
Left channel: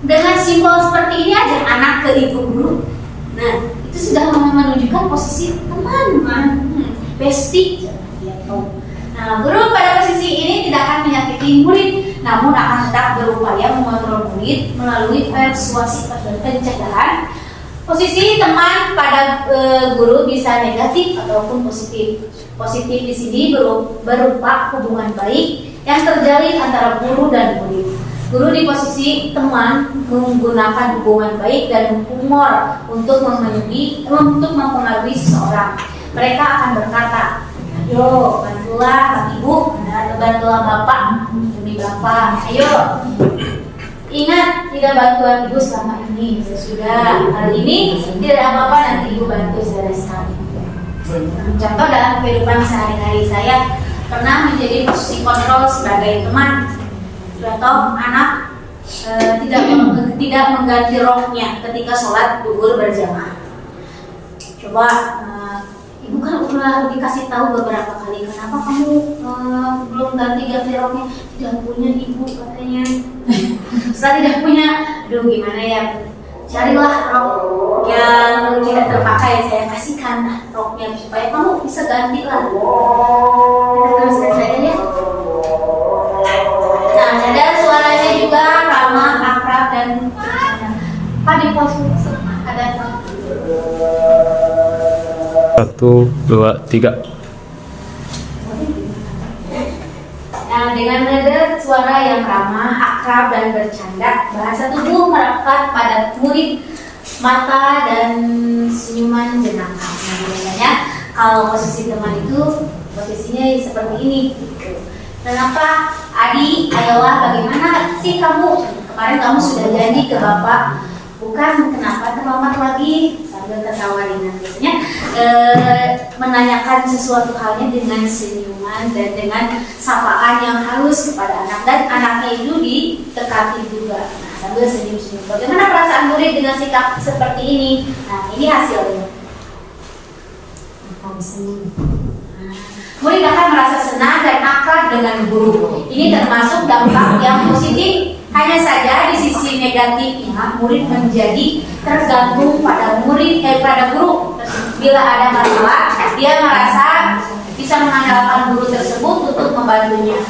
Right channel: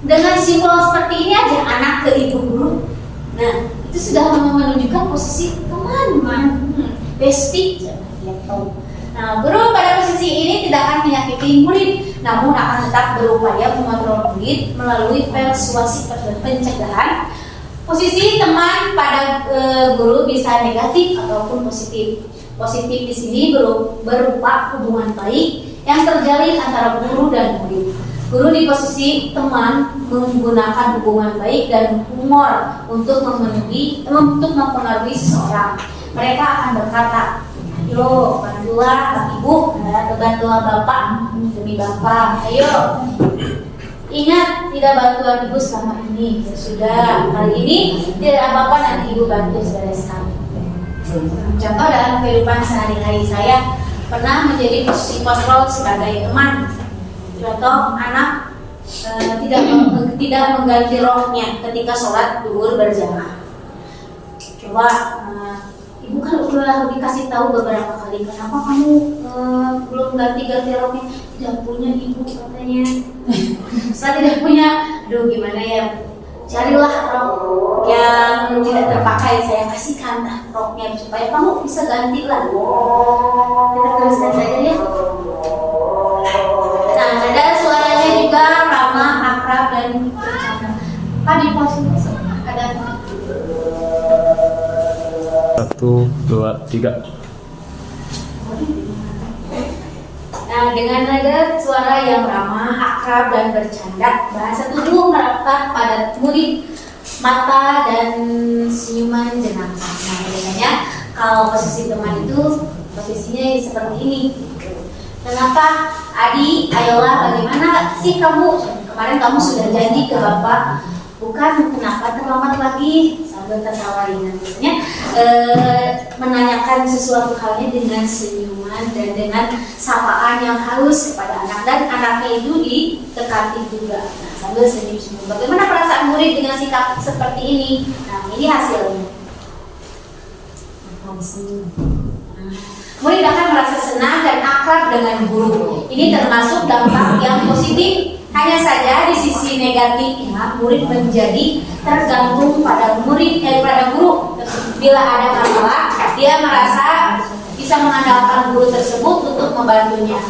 dengan simbol seperti ini aja, anak ke ibu guru. Nah, itu sudah menunjukkan posisi teman, bestie. Nah, guru pada posisi ini tidak akan menyakiti murid, namun akan tetap berupaya mengontrol murid melalui persuasi pencegahan. Posisi teman pada guru bisa negatif ataupun positif. Positif di sini berupa hubungan baik yang terjalin antara guru dan murid. Guru di posisi teman menggunakan hubungan baik dan humor untuk mempengaruhi seseorang. Mereka akan berkata, "Ayo, bantulah ibu, bantulah bapak demi bapak. Ayo, ingat tidak bantuan ibu selama ini. Sudah kali ini tidak apa-apa, nanti ibu bantu bereskan." Contoh dalam kehidupan sehari-hari saya pernah menjadi posisi kontrol sebagai teman. Contoh anak tidak mengganti roknya ketika sholat zuhur berjamaah. Coba ibu kan udah dikasih tahu beberapa kali, kenapa kamu belum ganti roknya? Tidak punya ibu katanya. Setelah tidak punya, aduh gimana ya? Carilah rok yang tidak terpakai, saya kasihkan roknya supaya kamu bisa ganti lah. Kita teruskan saja ya. Nah, ada suaranya juga ramah, akrab dan bercanda. Pak di posisi ada 1, 2, 3. Nah, dengan nada suara yang ramah, akrab dan bercanda, bahasa tubuh merapat pada murid, mata dan senyuman jenaka. Nah, biasanya kalau posisi teman itu posisinya seperti ini. Kenapa? Adi, ayolah, bagaimana sih kamu? Kemarin kamu sudah janji ke bapak, bukan kenapa terlambat lagi? Sambil ketawa ringan. Biasanya menanyakan sesuatu halnya dengan senyuman dan dengan sapaan yang halus kepada anak, dan anaknya itu ditekati juga. Nah, sambil senyum-senyum. Bagaimana perasaan murid dengan sikap seperti ini? Nah, ini hasilnya. Senyum. Nah, Murid akan merasa senang dan akrab dengan guru. Ini termasuk dampak yang positif. Hanya saja di sisi negatifnya, murid menjadi tergantung pada guru. Bila ada masalah, dia merasa bisa mengandalkan guru tersebut untuk membantunya.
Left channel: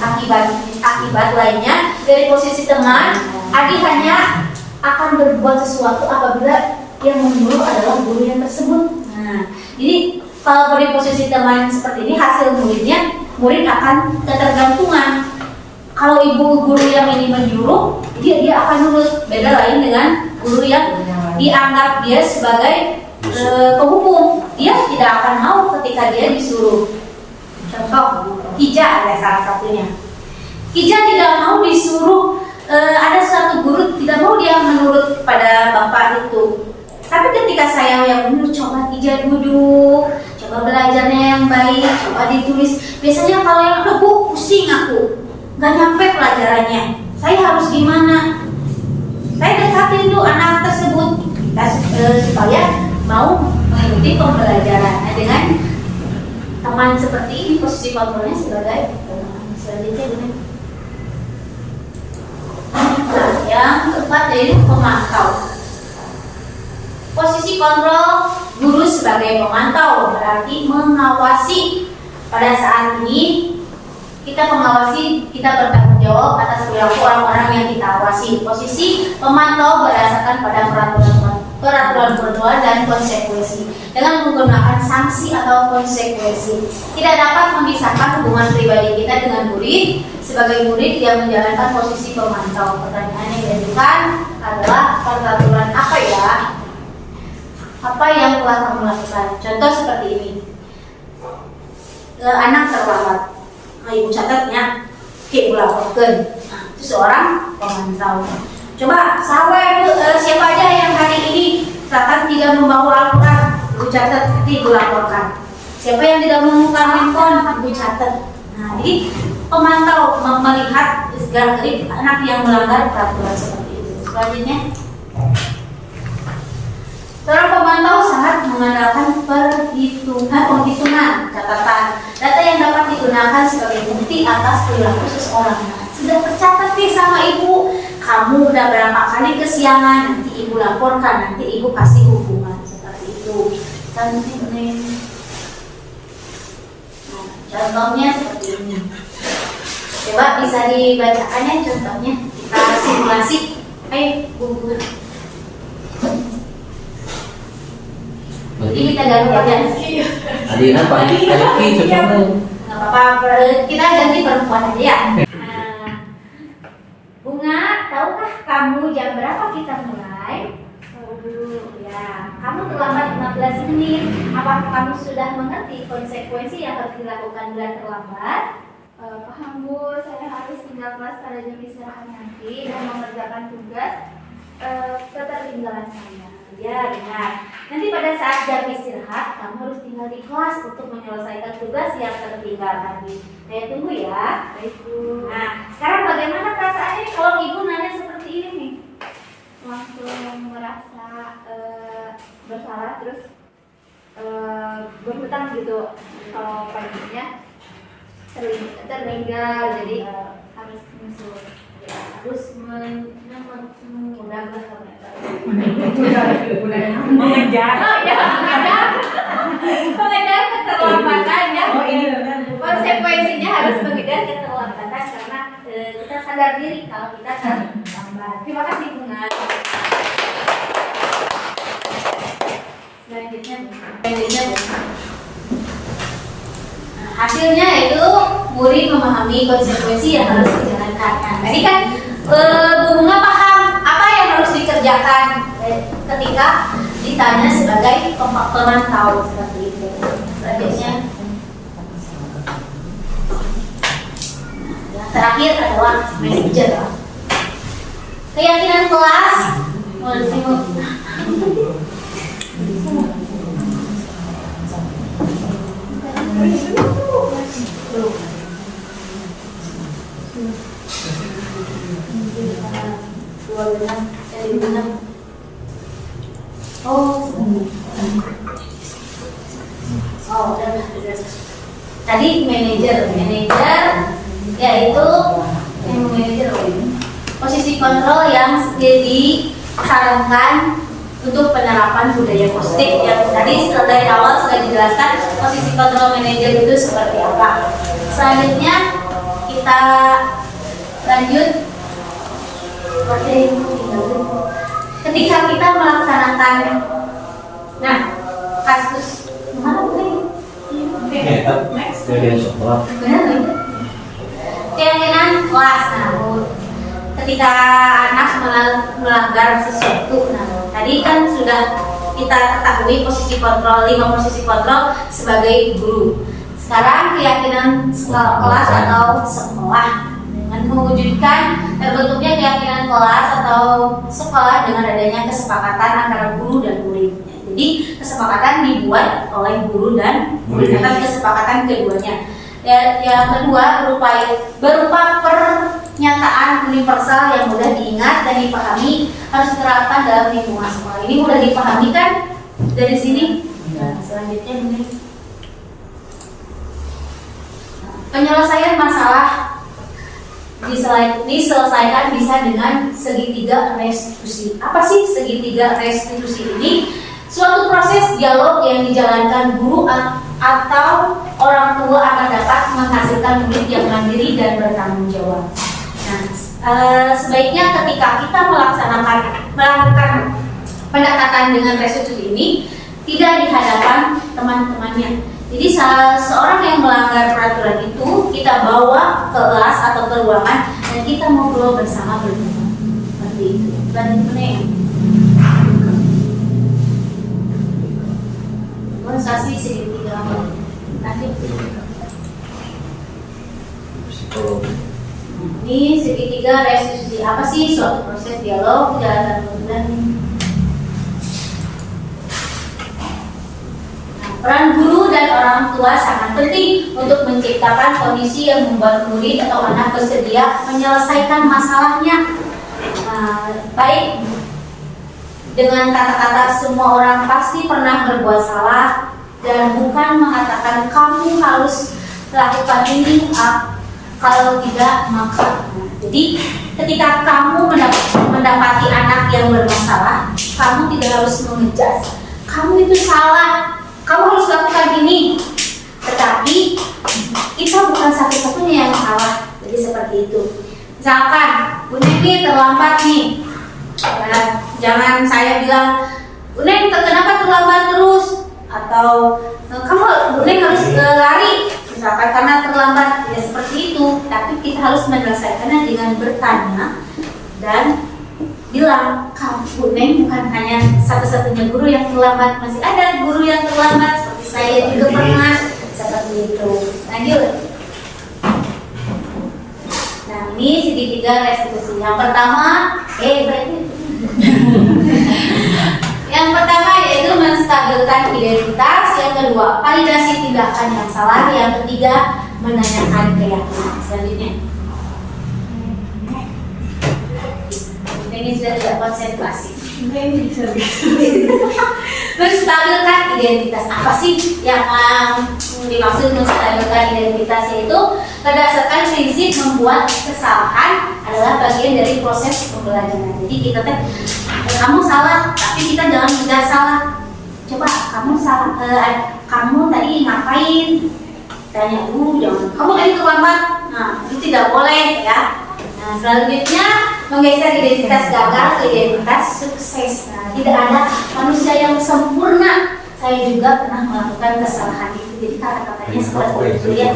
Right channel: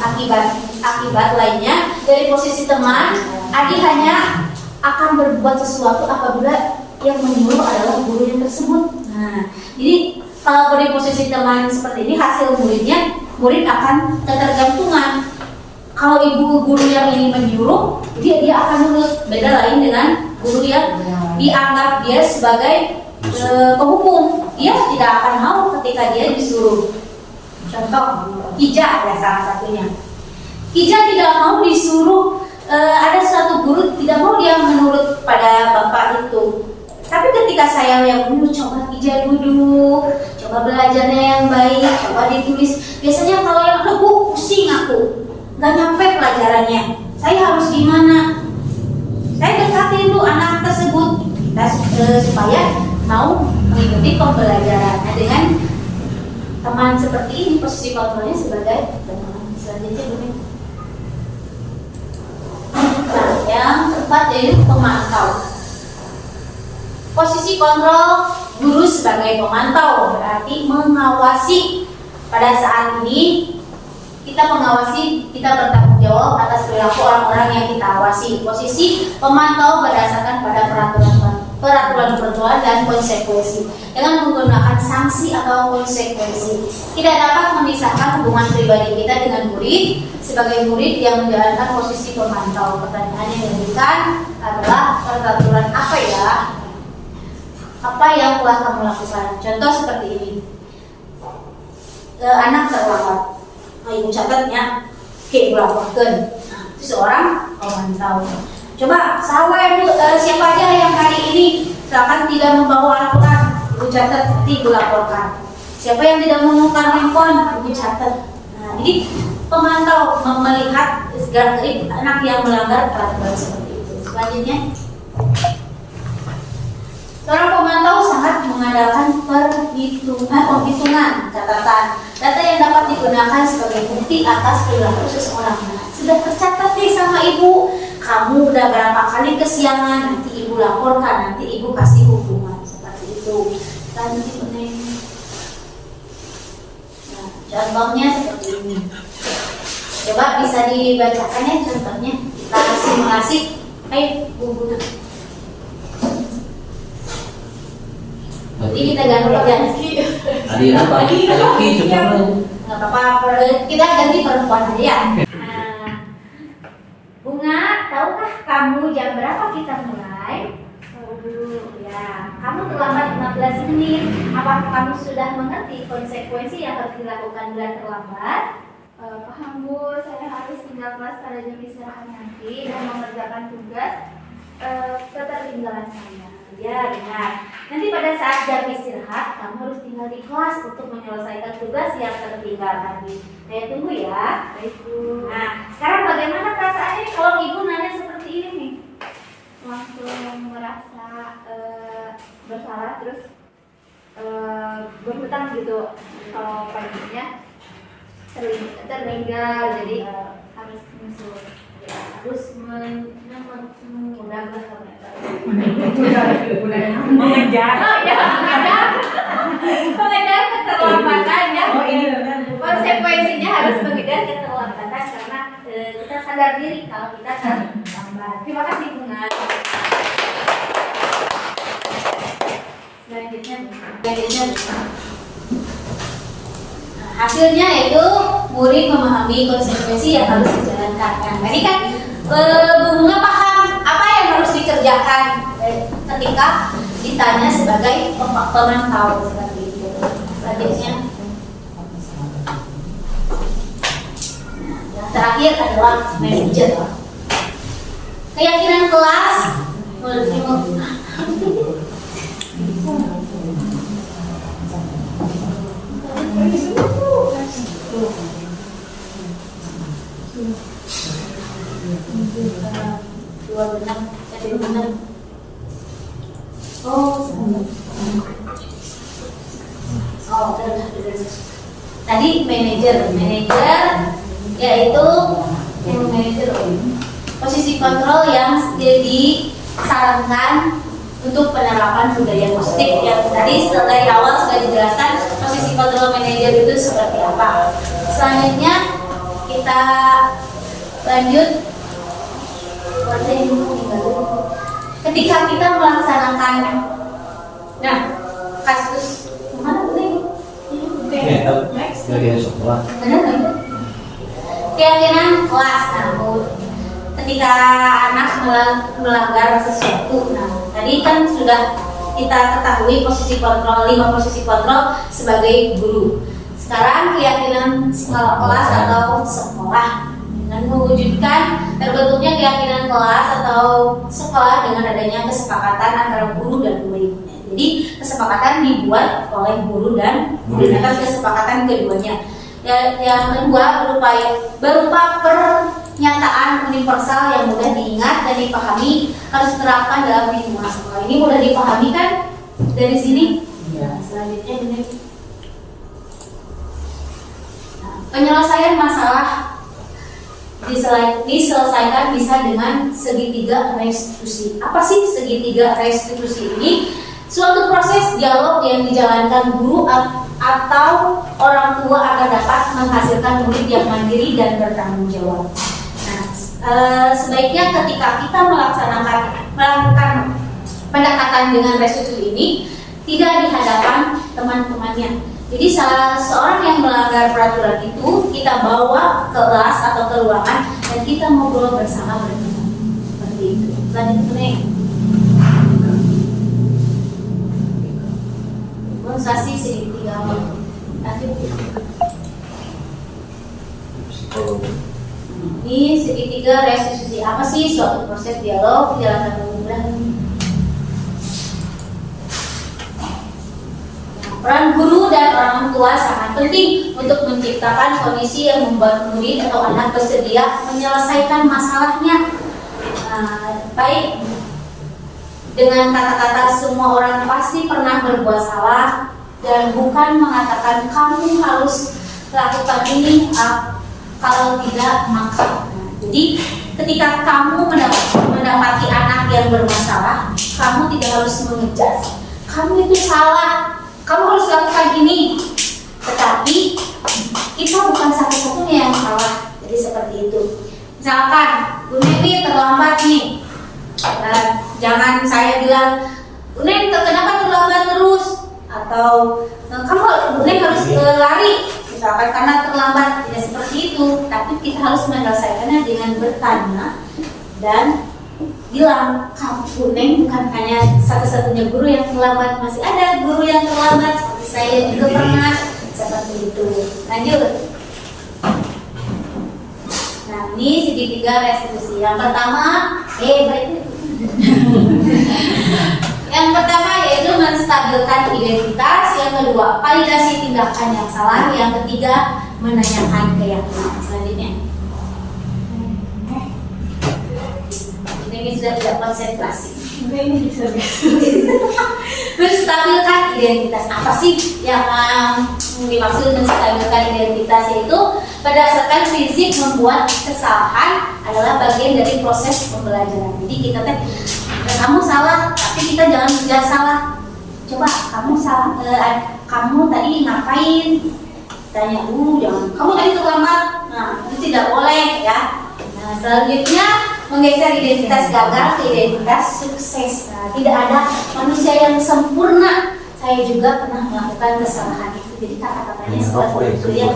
Akibat lainnya, dari posisi teman, Adi hanya akan berbuat sesuatu apabila yang menyuruh adalah guru yang tersebut. Nah, jadi kalau dari posisi teman seperti ini, hasil murid akan ketergantungan. Kalau ibu guru yang ini menyuruh, dia akan nurut. Beda lain dengan guru yang dianggap dia sebagai penghukum. Dia tidak akan mau ketika dia disuruh. Contoh, Kija ada salah satunya. Kija tidak mau disuruh. Ada suatu guru tidak mau dia menurut pada bapak itu. Tapi ketika saya yang dulu coba Kija duduk, coba belajarnya yang baik, coba ditulis. Biasanya kalau yang pusing aku, nggak nyampe pelajarannya. Saya harus gimana? Saya dekatin dulu anak tersebut supaya mau mengikuti pembelajaran. Nah, dengan teman seperti ini, posisi kontrolnya sebagai teman. Selanjutnya benar. Nah, yang keempat yaitu pemantau. Posisi kontrol guru sebagai pemantau berarti mengawasi. Pada saat ini kita mengawasi, kita bertanggung jawab atas perilaku orang-orang yang kita awasi. Posisi pemantau berdasarkan pada peraturan dan konsekuensi dengan menggunakan sanksi atau konsekuensi. Tidak dapat memisahkan hubungan pribadi kita dengan murid sebagai murid yang menjalankan posisi pemantau. Pertanyaan yang diajukan adalah peraturan apa ya? Apa yang telah kamu lakukan? Contoh seperti ini. Anak terlambat. Ibu catatnya, ibu laporkan. Nah, itu seorang pemantau. Coba siapa aja yang hari ini misalkan tidak membawa Al-Quran, ibu catat, nanti ibu laporkan. Siapa yang tidak menemukan handphone, ibu catat. Nah, jadi pemantau melihat gerak-gerik anak yang melanggar peraturan seperti itu. Selanjutnya, seorang pemantau sangat mengandalkan penghitungan catatan. Data yang dapat digunakan sebagai bukti atas perilaku seseorang. Sudah tercatat nih sama ibu, kamu udah berapa kali kesiangan, nanti ibu laporkan, nanti ibu kasih hukuman seperti itu. Lanjut. Nah, contohnya seperti ini. Coba bisa dibacakan ya contohnya. Kita simulasi. Ayo, Bu. Jadi kita ganti. Tadi apa? Laki sebenarnya. Nggak apa-apa, kita ganti perempuan aja ya. Bunga, tahukah kamu jam berapa kita mulai? Tahu dulu ya. Kamu terlambat 15 menit. Apakah kamu sudah mengerti konsekuensi yang harus dilakukan bila terlambat? Paham Bu, saya harus tinggal kelas pada jam istirahat nanti dan mengerjakan tugas ketertinggalan saya. Ya, benar. Nanti pada saat jam istirahat, kamu harus tinggal di kelas untuk menyelesaikan tugas yang tertinggal tadi. Saya tunggu ya. Baik Bu. Nah, sekarang bagaimana perasaannya kalau ibu nanya seperti ini nih? Langsung merasa bersalah terus berhutang gitu. Kalau paginya tertinggal jadi harus menyusul. Harus mengejar. Oh ya, mengejar keterlambatan ya. Konsekuensinya harus mengejar keterlambatan karena kita sadar diri kalau kita terlambat. Terima kasih Bunga. Selanjutnya. Hasilnya itu murid memahami konsekuensi yang harus dijalankan. Nah, tadi kan Bu Bunga paham apa yang harus dikerjakan ketika ditanya sebagai pemantau seperti itu. Selanjutnya, yang terakhir adalah manajer. Keyakinan kelas. Tadi manajer yaitu manajer posisi kontrol yang disarankan untuk penerapan budaya positif yang tadi dari awal sudah dijelaskan posisi kontrol manajer itu seperti apa. Selanjutnya kita lanjut ketika kita melaksanakan kasus mana nih? Kemudian sekolah. Benar nggak itu? Keyakinan kelas. Ketika anak melanggar sesuatu, tadi kan sudah kita ketahui posisi kontrol 5 posisi kontrol sebagai guru. Sekarang keyakinan kelas atau sekolah dengan mewujudkan terbentuknya keyakinan kelas atau sekolah dengan adanya kesepakatan antara guru dan murid. Jadi kesepakatan dibuat oleh guru dan murid atas kesepakatan keduanya. Yang kedua berupa pernyataan universal yang mudah diingat dan dipahami harus diterapkan dalam lingkungan sekolah. Ini mudah dipahami kan dari sini? Selanjutnya ini penyelesaian masalah diselesaikan bisa dengan segitiga restitusi. Apa sih segitiga restitusi ini? Suatu proses dialog yang dijalankan guru atau orang tua akan dapat menghasilkan murid yang mandiri dan bertanggung jawab. Sebaiknya ketika kita melakukan pendekatan dengan restitusi ini tidak di hadapan teman-temannya. Jadi seorang yang melanggar peraturan itu kita bawa ke kelas atau ke ruangan dan kita ngobrol bersama berteman. Seperti itu. Demonstrasi segitiga. Lanjut. Ini segitiga restitusi. Apa sih suatu proses dialog dijalankan dan peran guru dan orang tua sangat penting untuk menciptakan kondisi yang membuat murid atau anak bersedia menyelesaikan masalahnya. Baik dengan kata-kata semua orang pasti pernah berbuat salah dan bukan mengatakan kamu harus lakukan ini kalau tidak maka. Jadi ketika kamu mendapati anak yang bermasalah, kamu tidak harus mengejas. Kamu itu salah. Kamu harus lakukan ini. Tetapi kita bukan satu-satunya yang salah. Jadi seperti itu. Misalkan Bu Neni terlambat nih. Jangan saya bilang, Bu Neni kenapa terlambat terus? Atau kamu Bu Neni harus lari. Misalkan karena terlambat. Tidak seperti itu. Tapi kita harus menyelesaikannya dengan bertanya dan bilang, kamu Neng bukan hanya satu-satunya guru yang terlambat, masih ada guru yang terlambat seperti saya juga pernah seperti itu. Lanjut. Nah ini segitiga restitusi. Yang pertama, yang pertama yaitu menstabilkan identitas. Yang kedua, validasi tindakan yang salah. Yang ketiga, menanyakan keyakinan. Selanjutnya. Ini sudah tidak konsentrasi. Ini bisa Menstabilkan identitas. Apa sih yang dimaksud menstabilkan identitas? Yaitu berdasarkan prinsip membuat kesalahan adalah bagian dari proses pembelajaran. Jadi kita kamu salah, tapi kita jangan tidak salah. Coba kamu salah, kamu tadi ngapain? Tanya jangan. Kamu tadi terlambat. Nah itu tidak boleh ya. Nah selanjutnya menggeser identitas gagal ke identitas sukses. Nah, tidak ada manusia yang sempurna. Saya juga pernah melakukan kesalahan itu. Jadi kata-katanya seperti itu ya.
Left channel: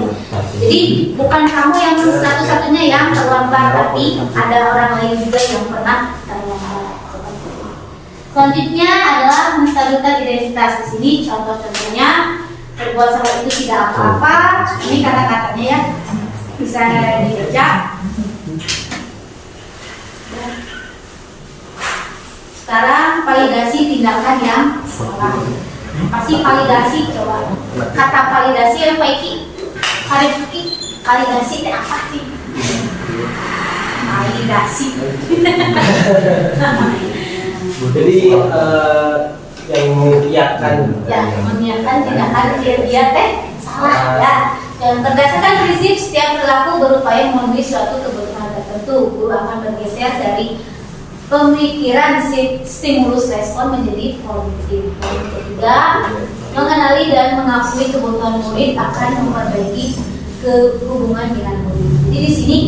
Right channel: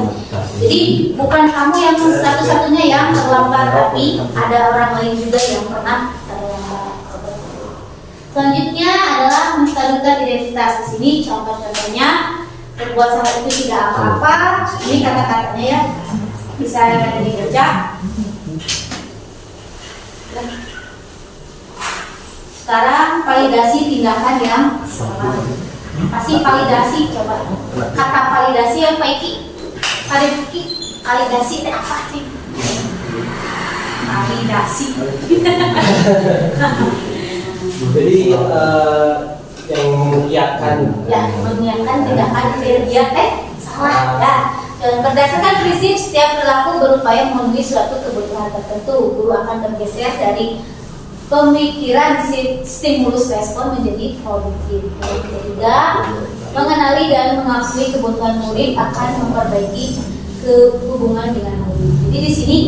Jadi bukan kamu yang satu-satunya yang terlambat, tapi ada orang lain juga yang pernah terlambat. Selanjutnya adalah menstabilkan identitas. Di sini contoh-contohnya berbuat salah itu tidak apa-apa. Ini kata-katanya ya bisa dibaca. Sekarang validasi tindakan yang salah. Pasti validasi, coba. Kata validasi apa iki? Validasi itu apa sih? Validasi. Jadi yang mengiyakan. Ya, mengiyakan tindakan dia salah ya. Dan berdasarkan prinsip setiap perilaku berupaya memenuhi suatu kebutuhan tertentu, guru akan bergeser dari pemikiran stimulus respon menjadi politik. Poin ketiga, mengenali dan mengakui kebutuhan murid akan memperbaiki hubungan dengan murid. Jadi di sini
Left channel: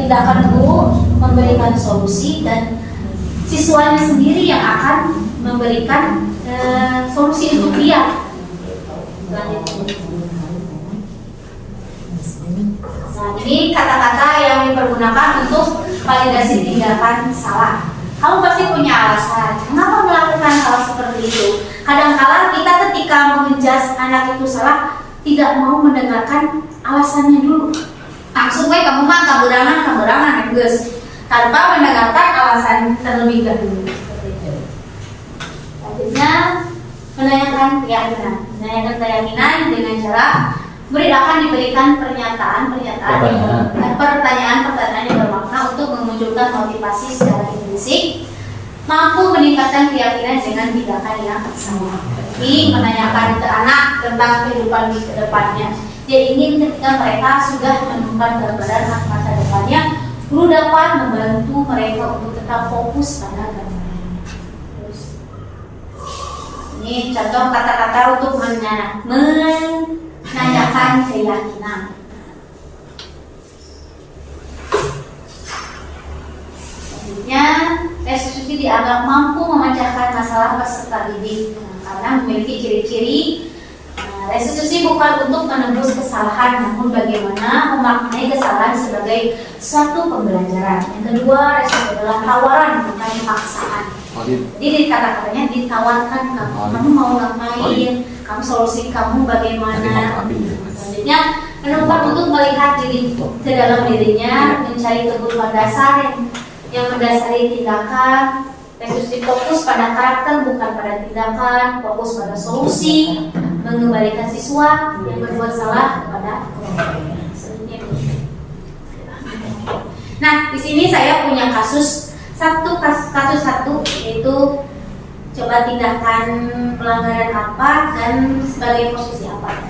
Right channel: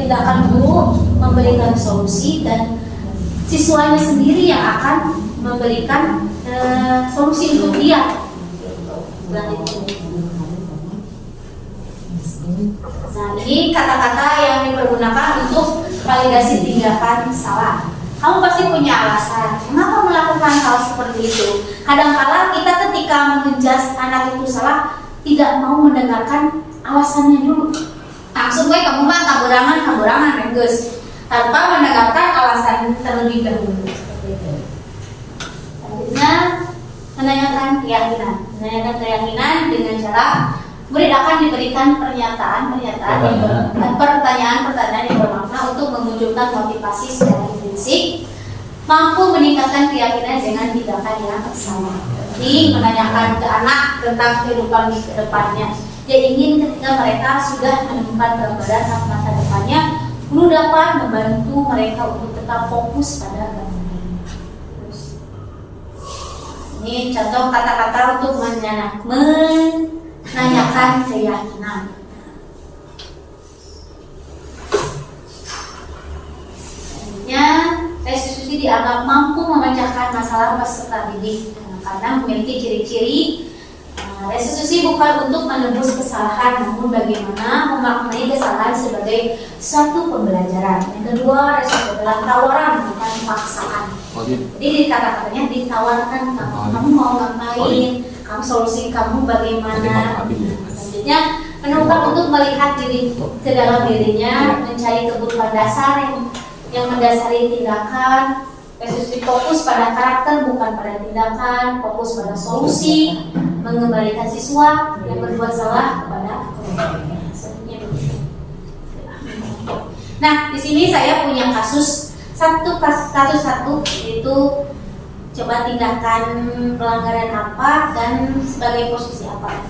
tindakan guru memberikan solusi dan siswanya sendiri yang akan memberikan solusi untuk dia. Nah, ini kata-kata yang dipergunakan untuk validasi tindakan salah. Kamu pasti punya alasan mengapa melakukan hal seperti itu. Kadang-kala kita ketika mengejas anak itu salah tidak mau mendengarkan alasannya dulu. Langsung kamu mah kaberangan guys, tanpa mendengarkan alasan terlebih dahulu. Seperti itu. Selanjutnya menanyakan keyakinan dengan cara murid akan diberikan pertanyaan yang bermakna untuk memunculkan motivasi secara intrinsik, mampu meningkatkan keyakinan dengan tindakan yang sama. Jadi menanyakan ke anak tentang kehidupan di kedepannya. Dia ingin ketika mereka sudah menemukan gambaran masa depannya, guru dapat membantu mereka untuk tetap fokus pada gambaran. Ini contoh kata-kata untuk menanyakan keyakinan. Selanjutnya, restitusi dianggap mampu memecahkan masalah peserta didik karena memiliki ciri-ciri. Restitusi bukan untuk menembus kesalahan, namun bagaimana memaknai kesalahan sebagai suatu pembelajaran. Yang kedua, restitusi adalah tawaran, bukan paksaan. Jadi di kata-katanya ditawarkan kamu mau ngapain, kamu solusi kamu bagaimana. Selanjutnya menumpang untuk melihat diri ke dalam dirinya, mencari kebutuhan dasar yang mendasari tindakan. Restitusi fokus pada karakter bukan pada tindakan, fokus pada solusi, mengembalikan siswa yang berbuat salah kepada kelompoknya. Nah, di sini saya punya kasus satu, yaitu coba tindakan pelanggaran apa dan sebagai posisi apa.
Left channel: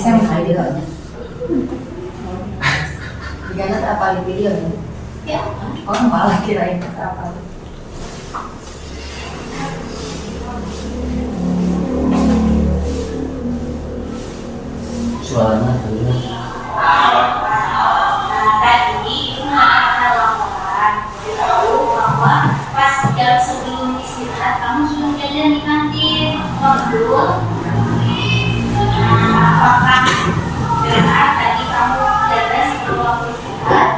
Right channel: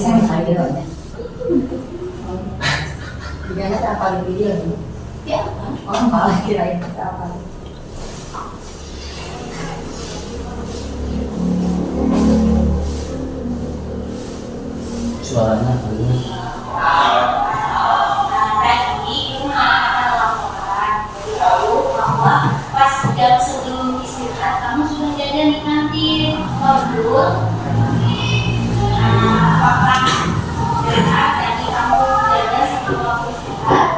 Saya mau videonya. Jangan apa di videonya. Ya, Orang malah kirain apa. Suaranya dulu. Tadi ada laporan bahwa pas jam sebelum istirahat kamu sudah jajan di kantin. Betul. Apakah benar tadi kamu jajan sebelum waktu istirahat?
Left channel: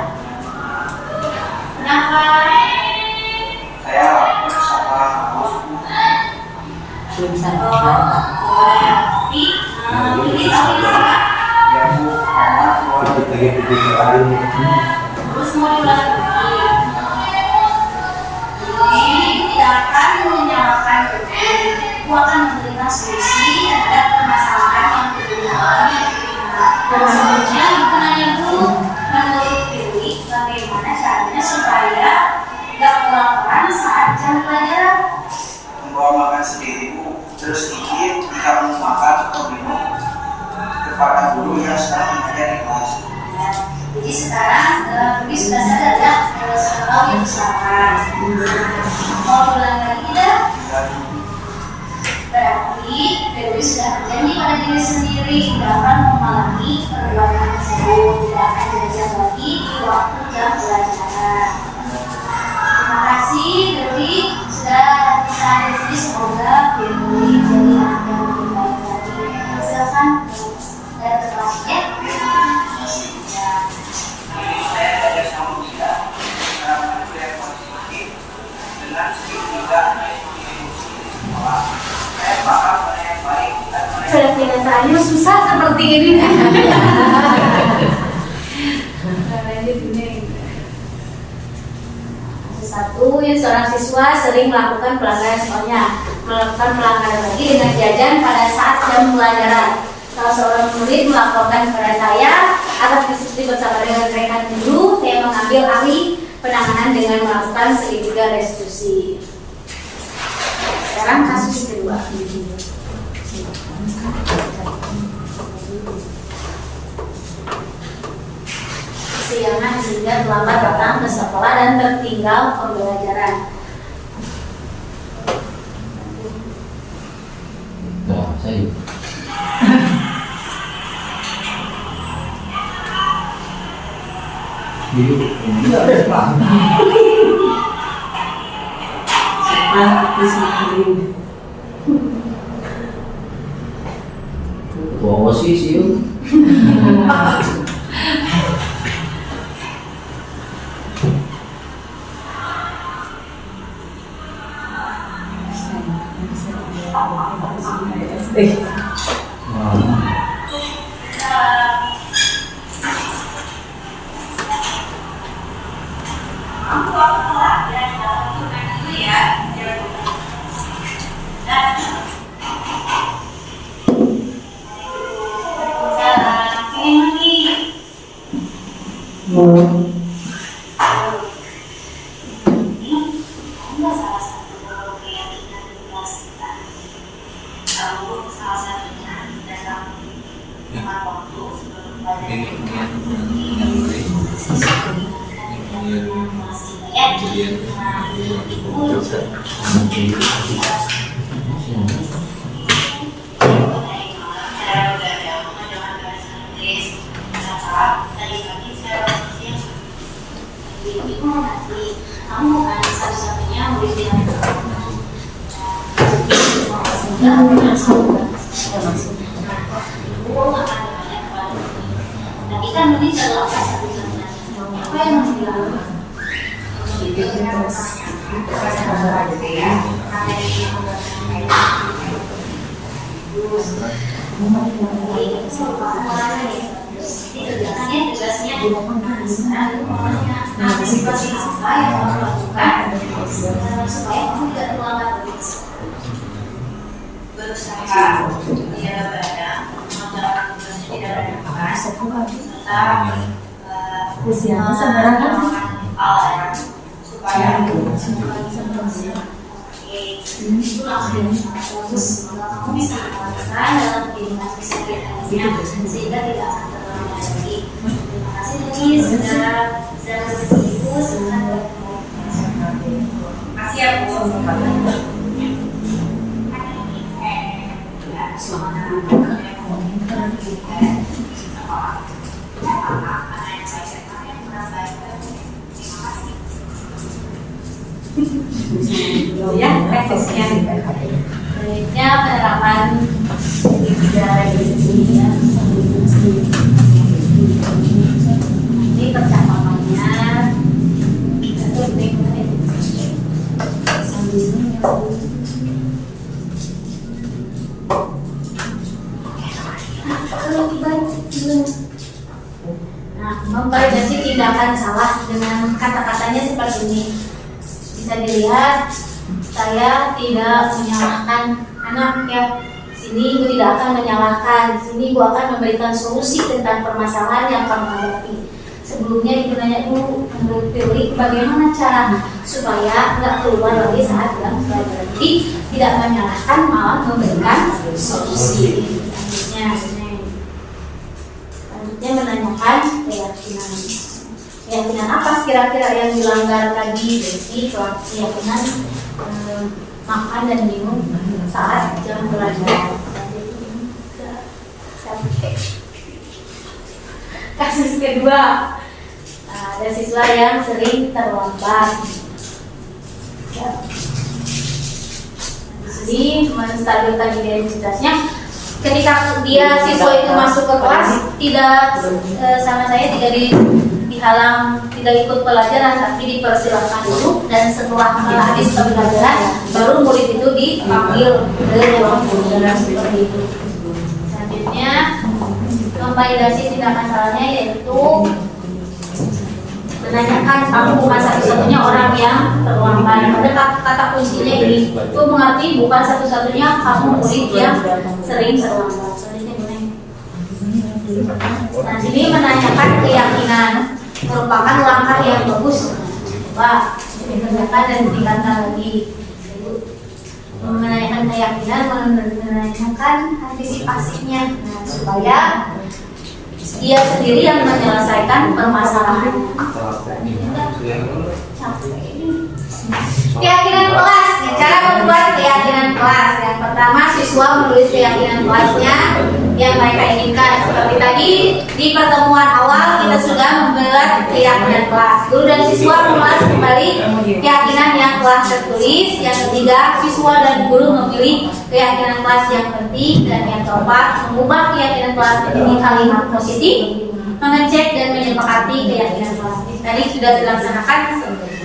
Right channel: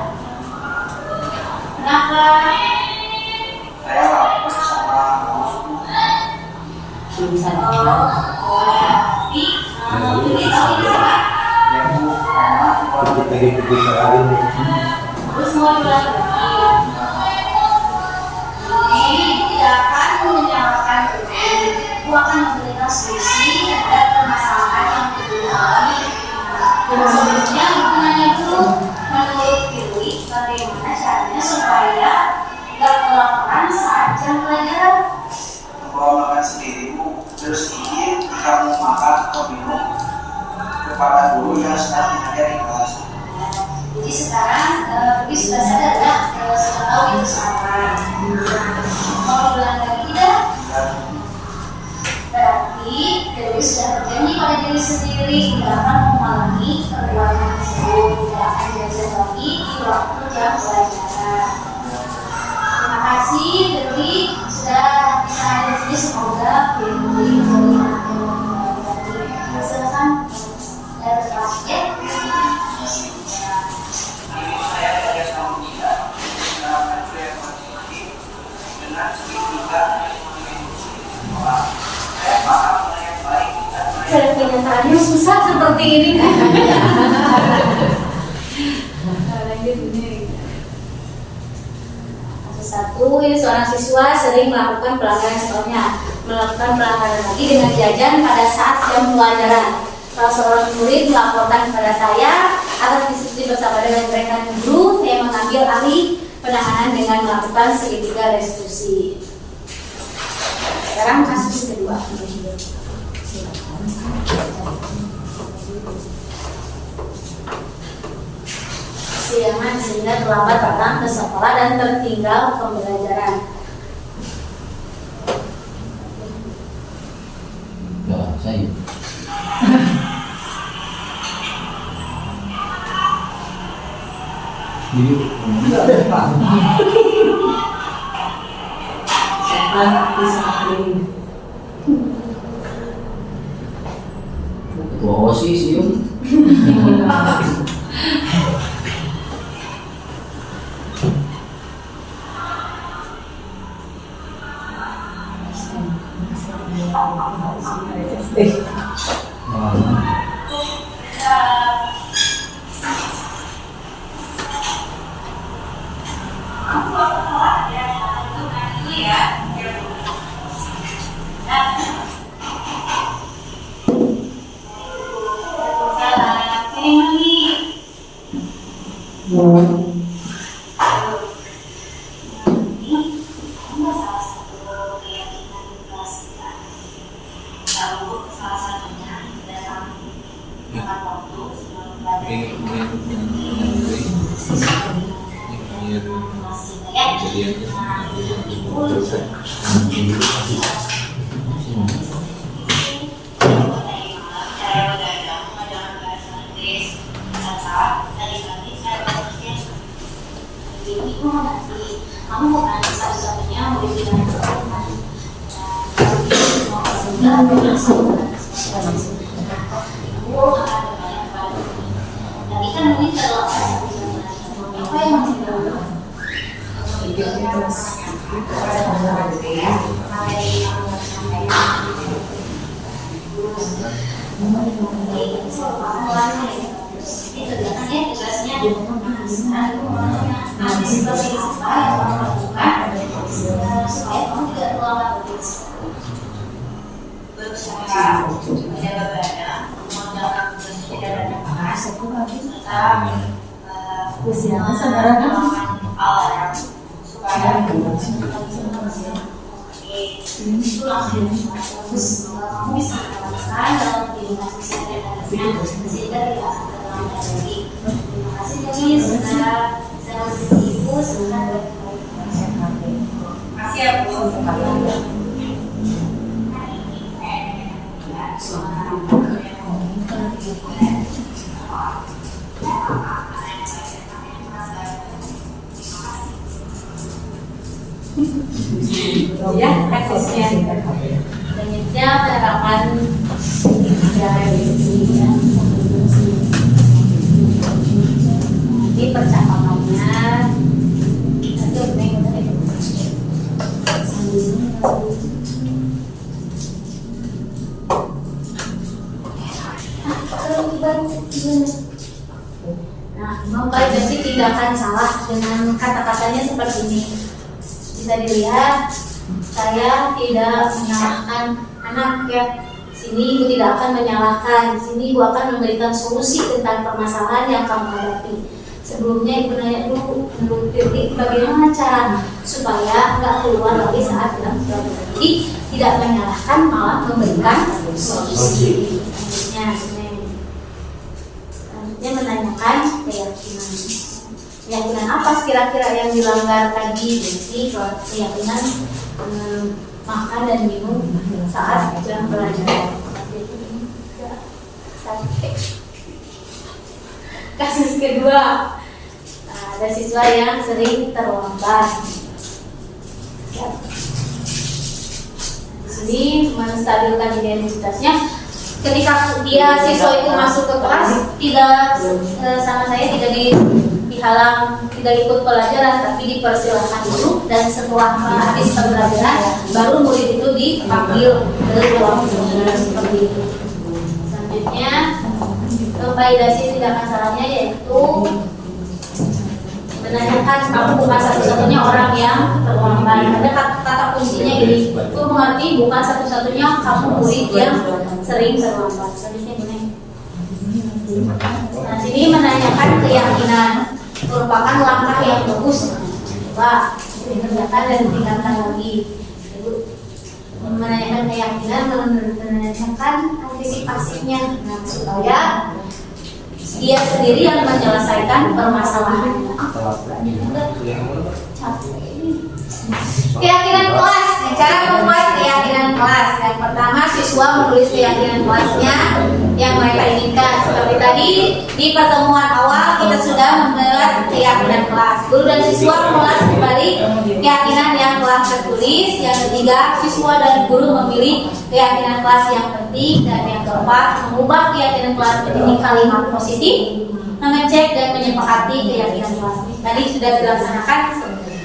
Kenapa? Saya bersama Tapi beritahu juga. Terus mau diulang lagi. Jadi tidak akan menyalahkan aku akan memberikan solusi terhadap permasalahan yang terjadi. Selanjutnya ibu nanya dulu, menurut Dewi bagaimana caranya supaya tidak kelaparan saat jam pelajaran? Membawa makan sendiri Bu, terus izin jika mau makan atau minum kepada guru yang sedang mengajar di kelas. Jadi sekarang Dewi sudah sadar ya, tahu itu salah. Mau ulang lagi tidak? Berarti Dewi sudah berjanji pada diri sendiri tidak akan mengulangi perbuatan tersebut, tidak akan jajan lagi di waktu jam pelajaran. Terima kasih Dewi sudah bisa hadir di sini. Semoga Dewi jadi anak yang lebih baik lagi. Silakan dari kelasnya. Saya ada sama dia dalam budaya positif dengan segitiga saya paham mana yang baik dan mana yang Pada kenyataannya susah seperti ini. Satu, ya, seorang siswa sering melakukan pelanggaran sekolahnya, melakukan pelanggaran lagi dengan jajan pada saat jam pelajaran. Salah seorang murid melaporkan kepada saya atas diskusi bersama dengan rekan guru, saya mengambil alih penanganan dengan melakukan segitiga restitusi. Sekarang kasus kedua. Kesiangan sehingga terlambat datang ke sekolah dan tertinggal pembelajaran. Tuh, saya. Ketua OSIS yuk. Kamu bukan satu-satunya murid yang tapi kan ini terlepas satu-satunya. Apa yang masih dalam? Tugasnya antisipasi apa yang kamu lakukan supaya kamu tidak terlambat berusaha dia berada menjalankan tugasnya tidak ada keras tetap melakukan alarm supaya itu langsung fokus kamu bisa melakukan dalam aktivitas kesehariannya sehingga tidak akan terlambat lagi. Terima kasih Denny sudah berbagi ibu senang. Kasih ya Bu. Ya, kasusnya selanjutnya penerapan dari ini percakapannya nah, memvalidasi tindakan salah dengan kata-katanya seperti ini. Bisa dilihat saya tidak menyalahkan anak ya. Sini ibu tidak akan menyalahkan. Sini ibu akan memberikan solusi tentang permasalahan yang kamu hadapi. Sebelumnya ibu nanya dulu menurut Titik bagaimana cara supaya nggak keluar lagi saat dalam pelajaran. Jadi tidak menyalahkan malah memberikan solusi. Selanjutnya menanyakan keyakinan apa kira-kira yang dilanggar tadi. Jadi keyakinan makan dan minum saat jam pelajaran. Kasus kedua, ada siswa yang sering terlambat. Di sini menstabilkan identitasnya. Ketika dia siswa itu masuk ke kelas, tidak sama saya tidak dihalang, tidak ikut pelajaran, tapi dipersilahkan dulu dan setelah habis pembelajaran baru murid itu dipanggil ke ruang guru seperti itu. Selanjutnya memvalidasi tindakan salahnya yaitu menanyakan kamu bukan satu-satunya orang yang terlambat. Ada kata kuncinya ini, itu mengerti bukan satu-satunya kamu murid yang sering terlambat. Selanjutnya gini. Nah, sini menanyakan keyakinan merupakan langkah yang bagus. Wah, dikerjakan dan ditingkatkan lagi. Menanyakan keyakinan, menanyakan antisipasinya, nah, supaya dia sendiri yang menyelesaikan permasalahannya. Capek ini. Keyakinan kelas, cara membuat keyakinan kelas. Yang pertama, siswa menulis keyakinan kelasnya yang mereka inginkan. Seperti tadi di pertemuan awal kita sudah membuat keyakinan kelas. Guru dan siswa mengulas kembali keyakinan yang telah tertulis. Yang ketiga, siswa dan guru memilih keyakinan kelas yang penting. Dan yang keempat, mengubah keyakinan kelas menjadi kalimat positif, mengecek dan menyepakati keyakinan kelas. Tadi sudah dilaksanakan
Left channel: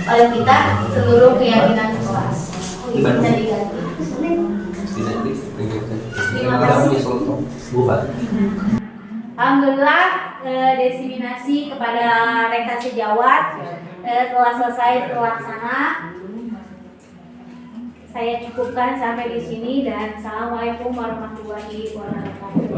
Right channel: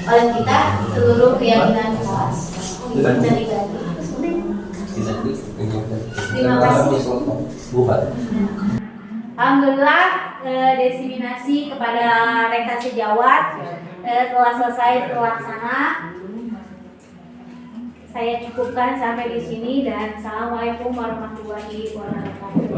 oleh kita seluruh keyakinan kelas. Bisa diganti. Terima kasih. Alhamdulillah, desiminasi kepada rekan sejawat telah selesai terlaksana. Saya cukupkan sampai di sini dan assalamualaikum warahmatullahi wabarakatuh.